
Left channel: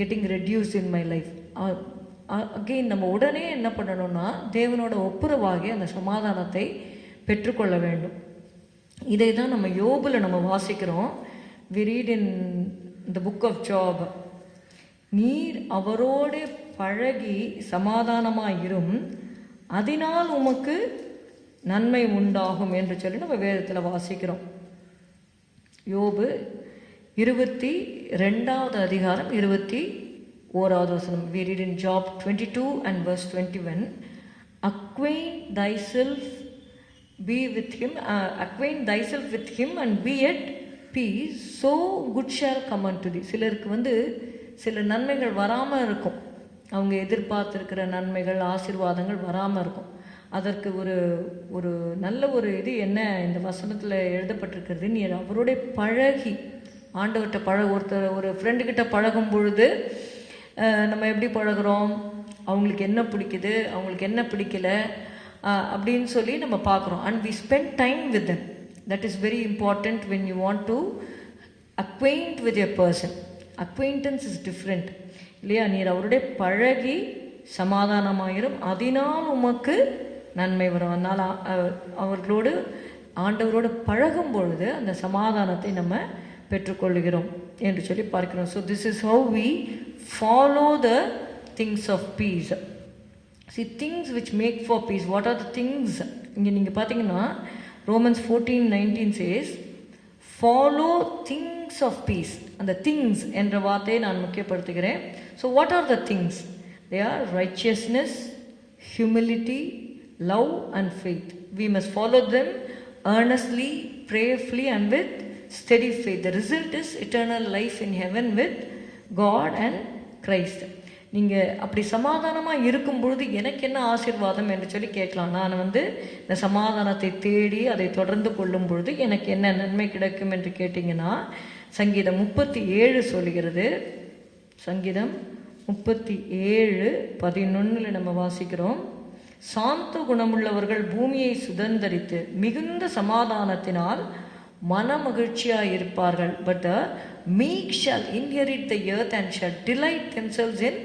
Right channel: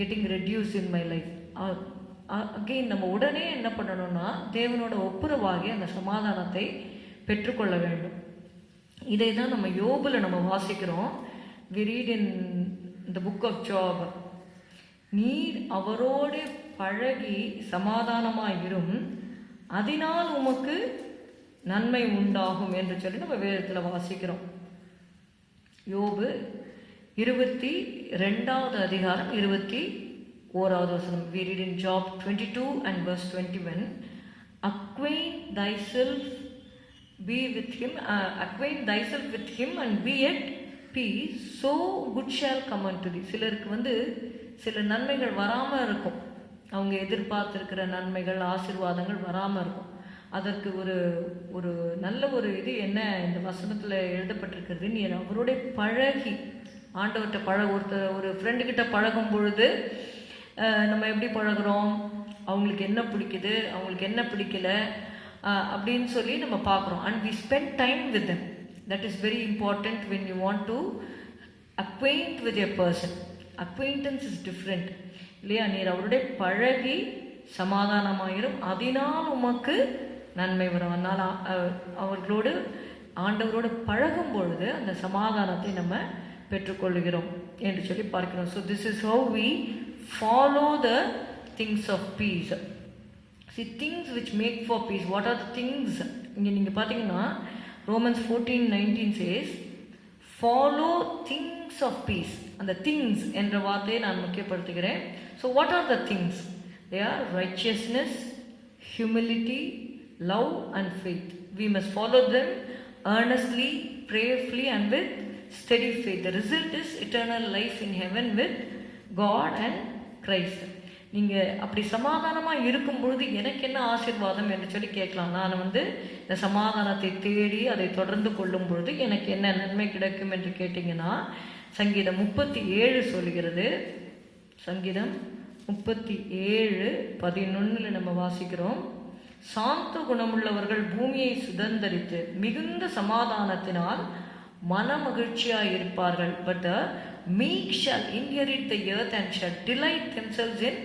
getting reduced in my life. Again நம்ம உடனே என்ன பண்ணணும்னா தேவனோட ஒப்புரவாகி அந்த சமாதானத்தை பெற்றுக்கொள்ள வேண்டும். இதை தான் நம்ம யோபில் நம்ம வாசிக்கிறோம். We read in the book of Job, நீர் அவரோடு பழகி சமாதானமாயிரும், அதனால் உமக்கு நன்மை உண்டாகும் என்று சொல்லி நம்ம வேதத்தில் வாசிக்கிறோம். யோபு 22வது அதிகாரம் 21வது வசனம். We read in Job 22 and verse 21, acquaint thyself with him and be at peace, so good shall come unto thee. சிலருக்கு வந்து சில நன்மைகள் வராமல் இருக்கும், அவங்க எதிர்பார்த்துருக்கிற நன்மைகள் ஆசீர்வாதங்கள் வராமல் இருக்கும். அதற்கு ஒரு நல்ல ஒரு இது என்ன இந்த வசனத்தில் எழுதப்பட்டிருக்கிறது, நீ அவரோட பழகி ஆண்டவர்கிட்ட ஒரு ஃப்ரெண்டுக்கிட்ட பழகும் பொழுது நம்ம எப்படி பழகிறோம், அவங்களுக்கு என்ன பிடிக்குது, அவங்களுக்கு என்ன பிடிக்கல அப்படின்னு சொல்லி நம்ம பார்க்குறோம். And we spend time with them. That is very important when you want to acquaint with a person. Acquaintance is different இல்லையா? நீர் அவருடைய பழகி சமாதானமாயிரும், அதனால் உமக்கு நன்மை வரும். அதனால் அவர்களோடு ஆண்டவரோடு பழகும் பொழுது அந்த சமாதானத்தை நம்ம பெற்றுக்கொள்கிறோம் என்று சொல்லி பார்க்கிறோம். So this is how we follow the things of peace. See, things which make for peace. What are the things? இங்கே நீங்கள் பார்த்தீங்கன்னா Romans 14:19 says follow things of peace. அந்த things என்ற வார்த்தையை நான் முக்கியப்படுத்துகிறேன். So what are the things? They are righteousness, humility, love and faith. We must follow them earnestly, prayerfully and with steady faith. The result is eternal life in heaven with God and Christ. நீங்கள் அப்படி சமாதானமாக இருக்கும் பொழுது எனக்கு என்ன ஆசீர்வாதம் என்று சொல்லி கேட்கலாம். நான் வந்து இந்த சமாதானத்தை தேடி அதை தொடர்ந்து கொள்ளும் பொழுது எனக்கு என்ன நன்மை கிடைக்கும் என்று கேட்டிங்கன்னா, சங்கீதம் 37 சொல்கிறது. சங்கீதம் 37:11 நம்ம வாசிக்கிறோம். சாந்த குணமுள்ளவர்கள் பூமியை சுதந்தரித்து மிகுந்த சமாதானத்தினால் மன மகிழ்ச்சியாக இருப்பார்கள். But the meek shall inherit the earth and shall delight themselves in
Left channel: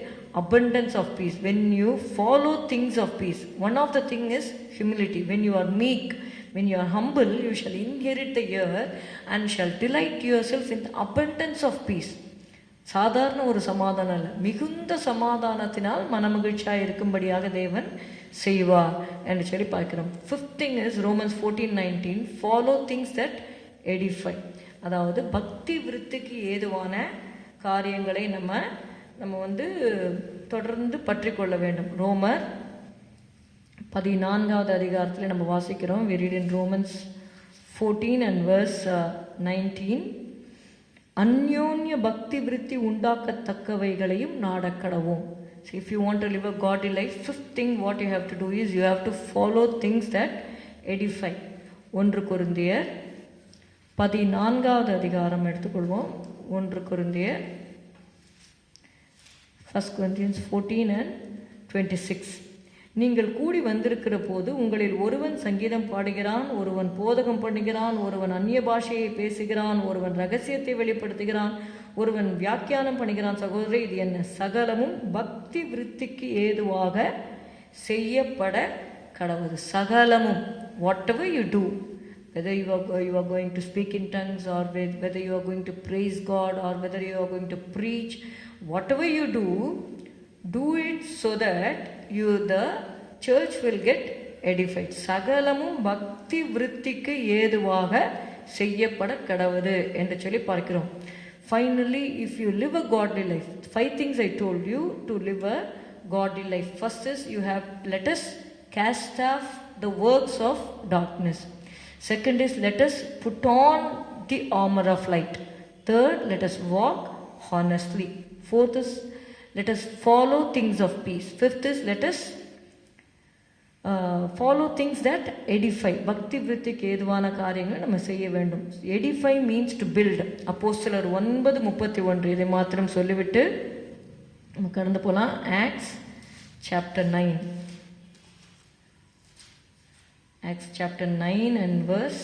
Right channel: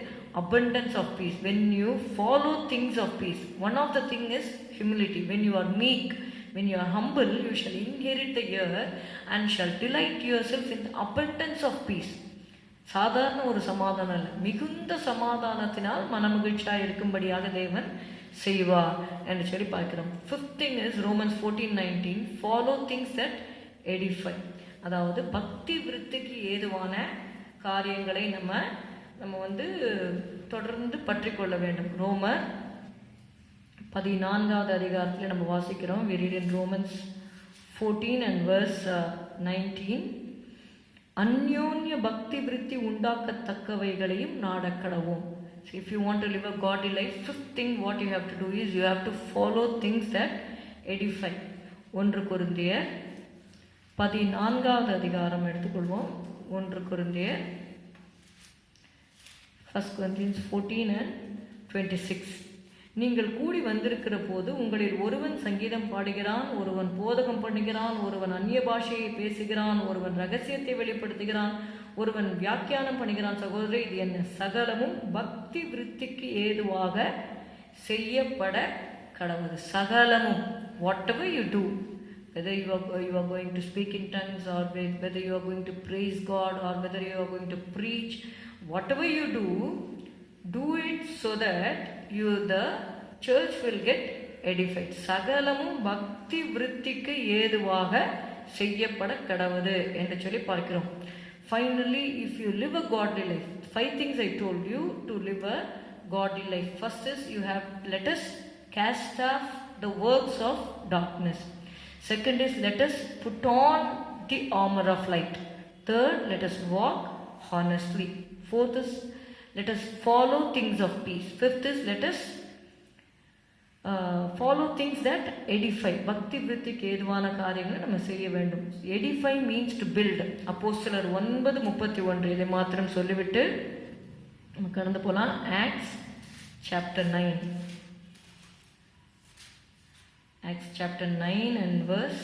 abundance of peace. When you follow things of peace, one of the thing is humility. When you are meek, when you are humble, you shall inherit the earth and shall delight yourself in the abundance of peace. சாதாரண ஒரு சமாதானம் இல்லை, மிகுந்த சமாதானத்தினால் மனமகிழ்ச்சியாக இருக்கும்படியாக தேவன் செய்வார் என்று சொல்லி பார்க்கிறோம். Fifth thing is Romans 14:19 follow things that edify. அதாவது பக்தி விருத்திக்கு ஏதுவான காரியங்களை நம்ம வந்து தொடர்ந்து பற்றி கொள்ள வேண்டும். ரோமர் 14வது அதிகாரத்தில் நம்ம வாசிக்கிறோம். we read in Romans 14 and verse 19, அந்யோன்ய பக்தி விருத்தி உண்டாக்கத்தக்கவைகளையும் நாடக்கடவும். So if you want to live a godly life, fifth thing what you have to do is you have to follow things that edify. 1 கொரிந்தியர் 14வது அதிகாரம் எடுத்துக்கொள்வோம். 1 கொரிந்தியர் 1 Corinthians 14 and 26. நீங்கள் கூடி வந்திருக்கிற போது உங்களில் ஒருவன் சங்கீதம் பாடுகிறான், ஒருவன் போதகம் பண்ணுகிறான், ஒருவன் அந்நிய பாஷையை பேசுகிறான், ஒருவன் ரகசியத்தை வெளிப்படுத்துகிறான், ஒருவன் வியாக்கியானம் பண்ணுகிறான். சகோதரி, இது என்ன? சகலமும் பக்தி விருத்திக்கு ஏதுவாக செய்யப்பட கடவுது. சகலமும், whatever you do, whether you are going to speak in tongues, or whether you are going to praise God, or whether you are going to preach, whatever you do it so that the church will get edified. சகலமும் பக்தி விருத்திக்கு ஏதுவாக செய்யப்பட கடவுது என்று சொல்லி பார்க்கிறோம். Finally, if you live a godly life, 5 things I told you to live a godly life. First is let us cast off the works of darkness. Second is let us put on the armor of light. Third, let us walk honestly. Fourth is let us follow things of peace. Fifth is let us follow things that edify. பக்தி விருத்திக்கு ஏதுவான காரியங்களை நம்ம செய்ய வேண்டும். edify means to build. அப்போஸ்தலர் 9:31 இதை மாத்திரம் சொல்லிவிட்டு நம்ம கடந்து போகலாம். Acts chapter 9. Acts chapter 9 and verse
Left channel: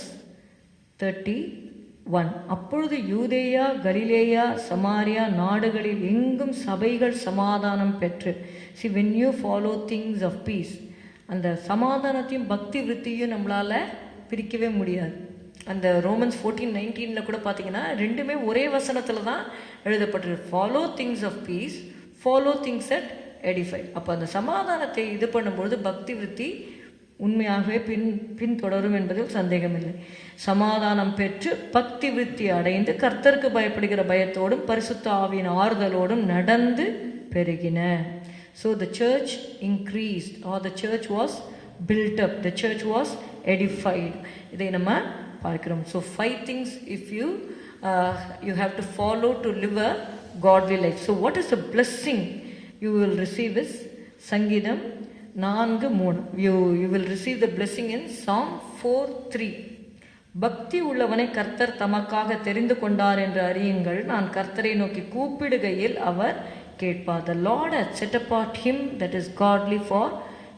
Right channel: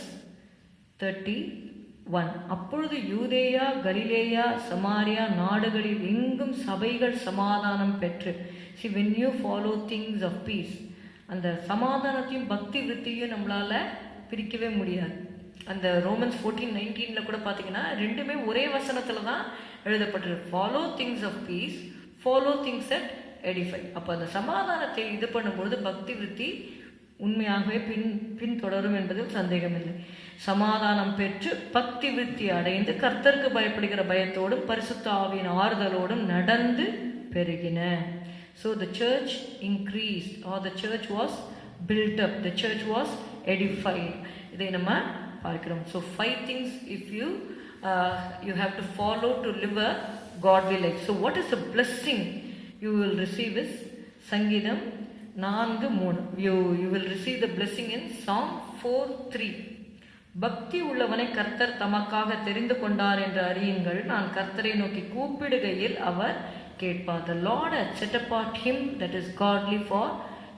31. அப்பொழுது யூதேயா, கலிலேயா, சமாரியா நாடுகளில் எங்கும் சபைகள் சமாதானம் பெற்று. See, when you follow things of peace, அந்த சமாதானத்தையும் பக்தி விருத்தியும் நம்மளால் பிரிக்கவே முடியாது. அந்த ரோமன்ஸ் 14:19 கூட பார்த்தீங்கன்னா ரெண்டுமே ஒரே வசனத்தில் தான் எழுதப்பட்டிருக்கு. Follow things of peace, follow things at edify. அப்போ அந்த சமாதானத்தை இது பண்ணும்பொழுது பக்தி விருத்தி உண்மையாகவே பின்தொடரும் என்பதில் சந்தேகமில்லை. சமாதானம் பெற்று பக்தி விருத்தி அடைந்து கர்த்தருக்கு பயப்படுகிற பயத்தோடும் பரிசுத்த ஆவியின் ஆறுதலோடும் நடந்து பெருகின. So the church increased, or the church was built up, the church was edified. இதை நம்ம பார்க்கிறோம். So 5 things if you you have to follow to live a godly life. So what is the blessing you will receive is Sangidam 4:3. You will receive the blessing in Psalm 4:3. பக்தி உள்ளவனை கர்த்தர் தமக்காக தெரிந்து கொண்டார் என்று அறியுங்கள், நான் கர்த்தரை நோக்கி கூப்பிடுகையில் அவர் கேட்பார். The Lord has set apart him that is godly for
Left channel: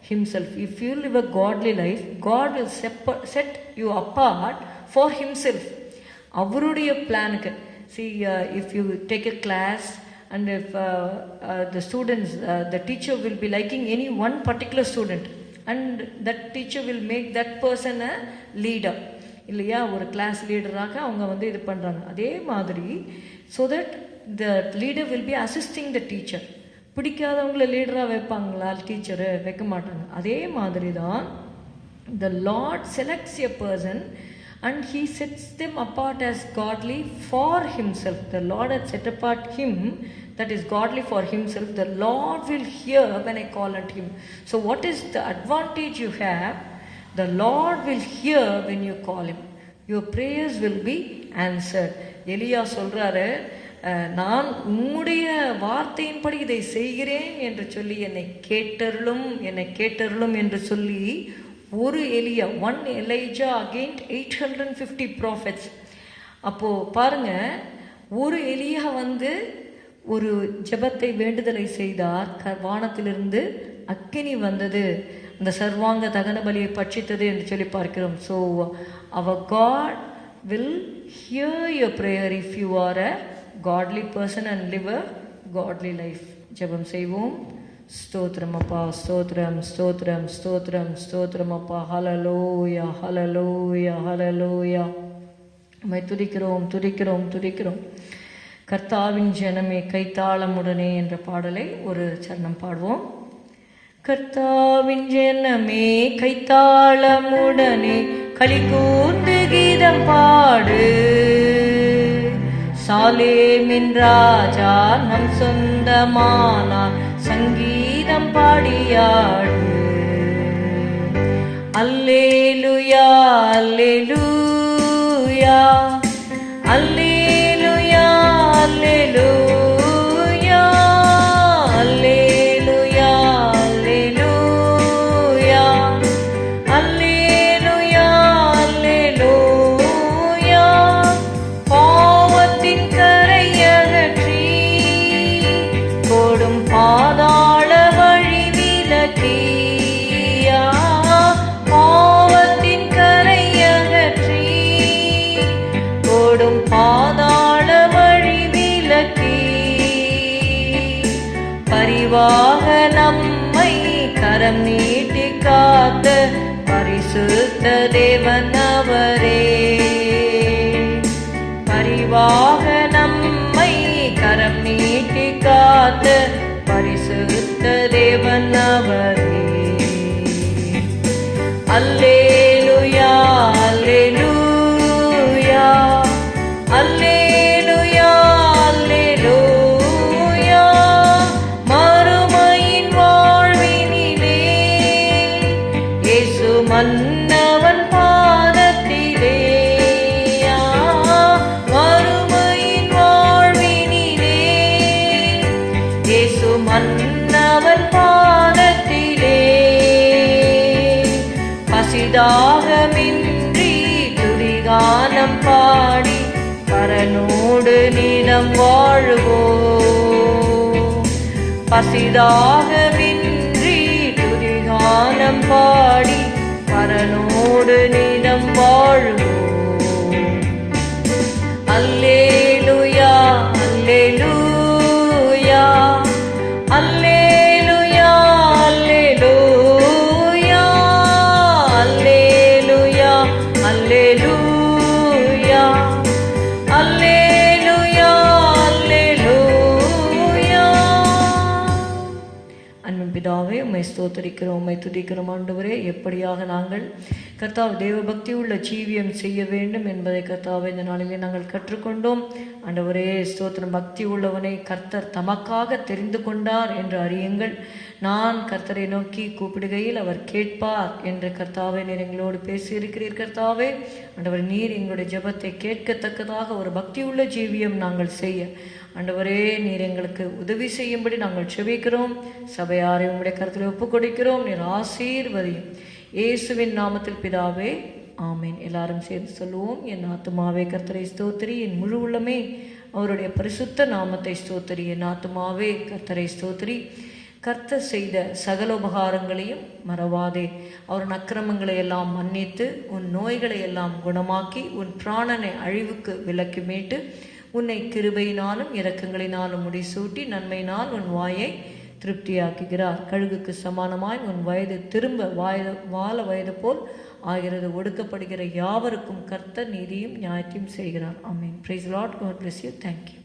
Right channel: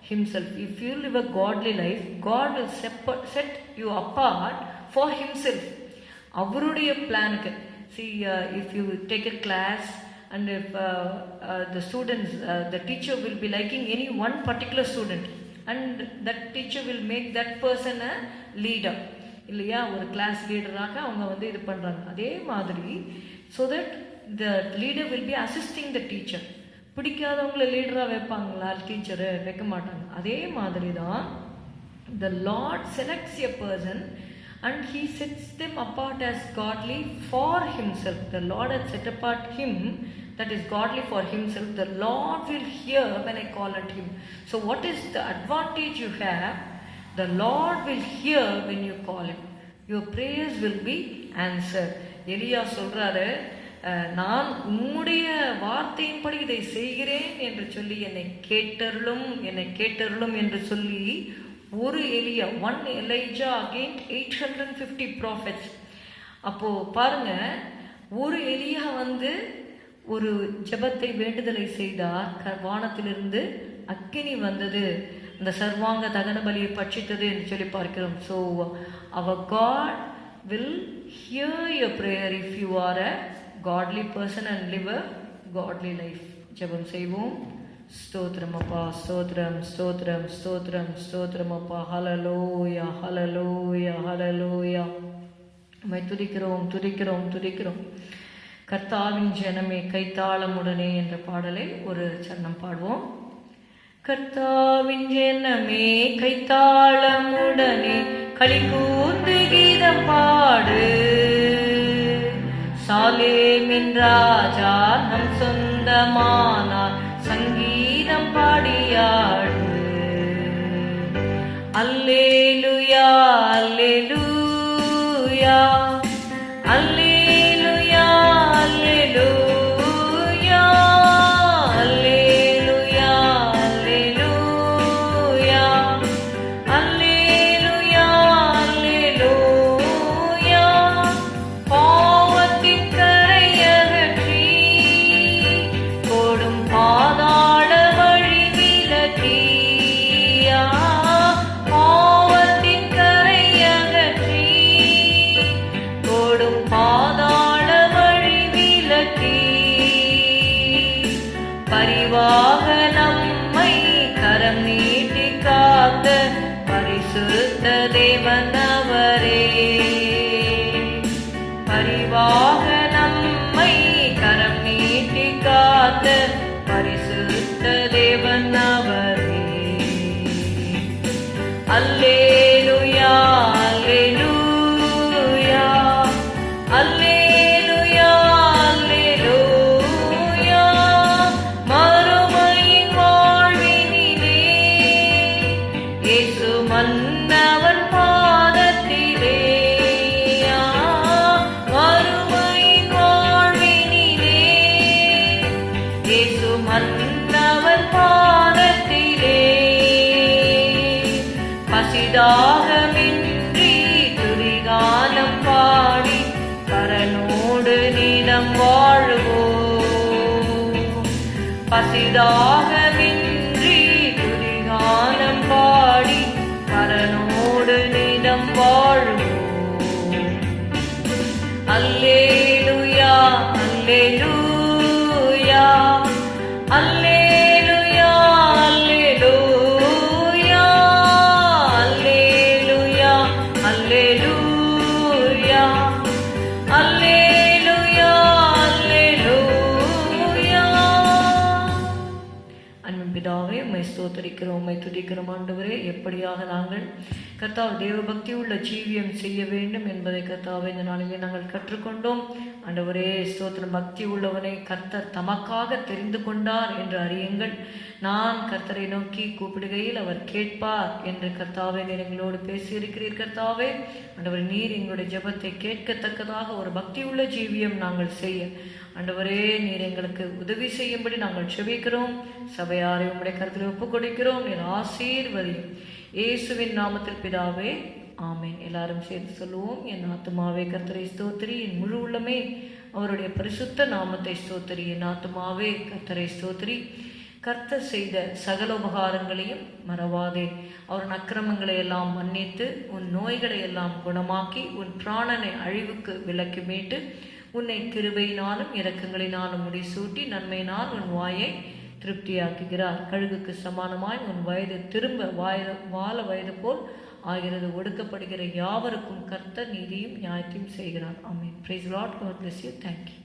himself. If you live a godly life, God will set you apart for himself. அவருடைய பிளானுக்கு. See, if you take a class and if the students, the teacher will be liking any one particular student and that teacher will make that person a leader. இல்லையா, ஒரு class லீடராக அவங்க இது பண்ணுறாங்க. அதே மாதிரி so that the leader will be assisting the teacher. பிடிக்காதவங்கள லீடராக வைப்பாங்களா டீச்சரு? வைக்க மாட்டாங்க. அதே மாதிரி தான் the Lord selects a person and he sets them apart as godly for himself. The Lord has set apart him that is godly for himself. The Lord will hear when I call at him. So what is the advantage you have? The Lord will hear when you call him. Your prayers will be answered. எலியா சொல்றாரு, நான் உம்முடைய வார்த்தையின்படி இதை செய்கிறேன் என்று சொல்லி என்னை கேட்டருளும் என்று சொல்லி ஒரு எலியா, ஒன் எலைஜா அகெயின்ஸ்ட் 850 prophets. அப்போது பாருங்க, ஒரு எலியா ஒரு ஜெபத்தை வேண்டுதலை செய்தார், வானத்திலிருந்து அக்கினி வந்தது, அந்த சர்வாங்க தகன பலியை பட்சித்தது என்று சொல்லி பார்க்கிறோம். So our God will hear your prayer if you are a godly person and live a godly life. ஜெபம் செய்வோம். ஸ்தோத்திரம் அப்பா, ஸ்தோத்திரம் ஸ்தோத்திரம் ஸ்தோத்திரம் ஸ்தோத்திரம் அப்பா. ஹல்லேலூயா ஹல்லேலூயா ஹல்லேலூயா. உம்மை துதிக்கிறோம் துதிக்கிறோம் துதிக்கிறோம். கர்த்தாவின் ஜனமே கைத்தாளமுடனே என்ற பாடலை ஒரு சரணம் பாடுவோம். கர்த்தாவின் ஜனமே கைத்தாளமுடனே களிகூர்ந்து கீதம் பாடு, சாலேமின் ராஜா நம் சொந்தமானார், சங்கீதம் பாடியாடு. அல்லேலூயா அல்லேலூயா அல்லேலூயா அல்லேலூயா அல்லேலூயா அல்லேலூயா அல்லேலூயா. பாவத்தின் கரையகற்றி போடும் பாதாள வழி விலக்கியா, பாவத்தின் கரையகற்றி போடும் பாதாள வழி விலக்கி, பரிவாக நம்மை கரம் நீட்டி காத்த பரிசுத்த தேவன் அவரே. பரிவாக நம்மை கரம் நீட்டி காத்த பரிசுத்த தேவன் அவரே. அல்லேலூயா அல்லேலூயா அல்லேலூயா அல்லேலூயா. மறுமையின் வாழ்வினிலே இயேசு மன்னவன் பாதத்திலே, மறுமையின் வாழ்வினிலே இயேசு மன்னவன் பாதத்திலே. பசிதாகமின்றி துதிகானம் பாடி பரனோடு நிலம் வாழ்வோம். பசிதாகமின்றி துதிகானம் பாடி பரனோடு நிலம் வாழ்வோம். அல்லேலூயா அல்லேலூயா அல்லேலூயா அல்லேலூயா அல்லேலூயா அல்லேலூயா அல்லேலூயா அல்லேலூயா. பிதாவே, உம்மை ஸ்தோத்தரிக்கிறோம், உம்மை துதிக்கிறோம் ஆண்டவரே. எப்படியாக நாங்கள் கர்த்தாவே தேவ பக்தி உள்ள ஜீவியம் செய்ய வேண்டும் என்பதை கர்த்தாவே இந்த நாளிலே நாங்கள் கற்றுக்கொண்டோம் ஆண்டவரே. ஸ்தோத்திரம். பக்தி உள்ளவனை கர்த்தர் தமக்காக தெரிந்து கொண்டார் என்று அறியுங்கள். நான் கர்த்தரை நோக்கி கூப்பிடுகையில் அவர் கேட்பார் என்று கர்த்தாவே நீர் எங்களோடு பேசியிருக்கிறீர். கர்த்தாவே ஆண்டவர், நீர் எங்களுடைய ஜெபத்தை கேட்கத்தக்கதாக ஒரு பக்தி உள்ள ஜீவியம் நாங்கள் செய்ய ஆண்டவரே நீர் எங்களுக்கு உதவி செய்யும்படி நாங்கள் செபிக்கிறோம். சபையாரை உங்களுடைய கருத்தில் ஒப்புக் கொடுக்கிறோம். நீர் ஆசீர்வதியும் இயேசுவின் நாமத்தில் பிதாவே, ஆமேன். எல்லாரும் சேர்ந்து சொல்லுவோம். என் ஆத்துமாவே கர்த்தரை ஸ்தோத்திரி, என் முழு உள்ளமே அவருடைய பரிசுத்த நாமத்தை ஸ்தோத்திரி. என் ஆத்துமாவே கர்த்தரை ஸ்தோத்திரி. கர்த்தர் செய்த சகல உபகாரங்களையும் மறவாதே. அவரின் அக்கிரமங்களை எல்லாம் மன்னித்து உன் நோய்களை எல்லாம் குணமாக்கி உன் பிராணனை அழிவுக்கு விலக்கி மீட்டு உன்னை கிருபையினாலும் இரக்கங்களினாலும் முடிசூட்டி நன்மையினால் உன் வாயை திருப்தியாக்குகிறார். கழுகுக்கு சமானமாய் உன் வயது திரும்ப வாழ வயது போல் ஆகிறது. ஒடுக்கப்படுகிற யாவருக்கும் கர்த்தர் நீதியும் நியாயத்தையும் செய்கிறார். ஆமென். Praise Lord. God bless you. Thank you.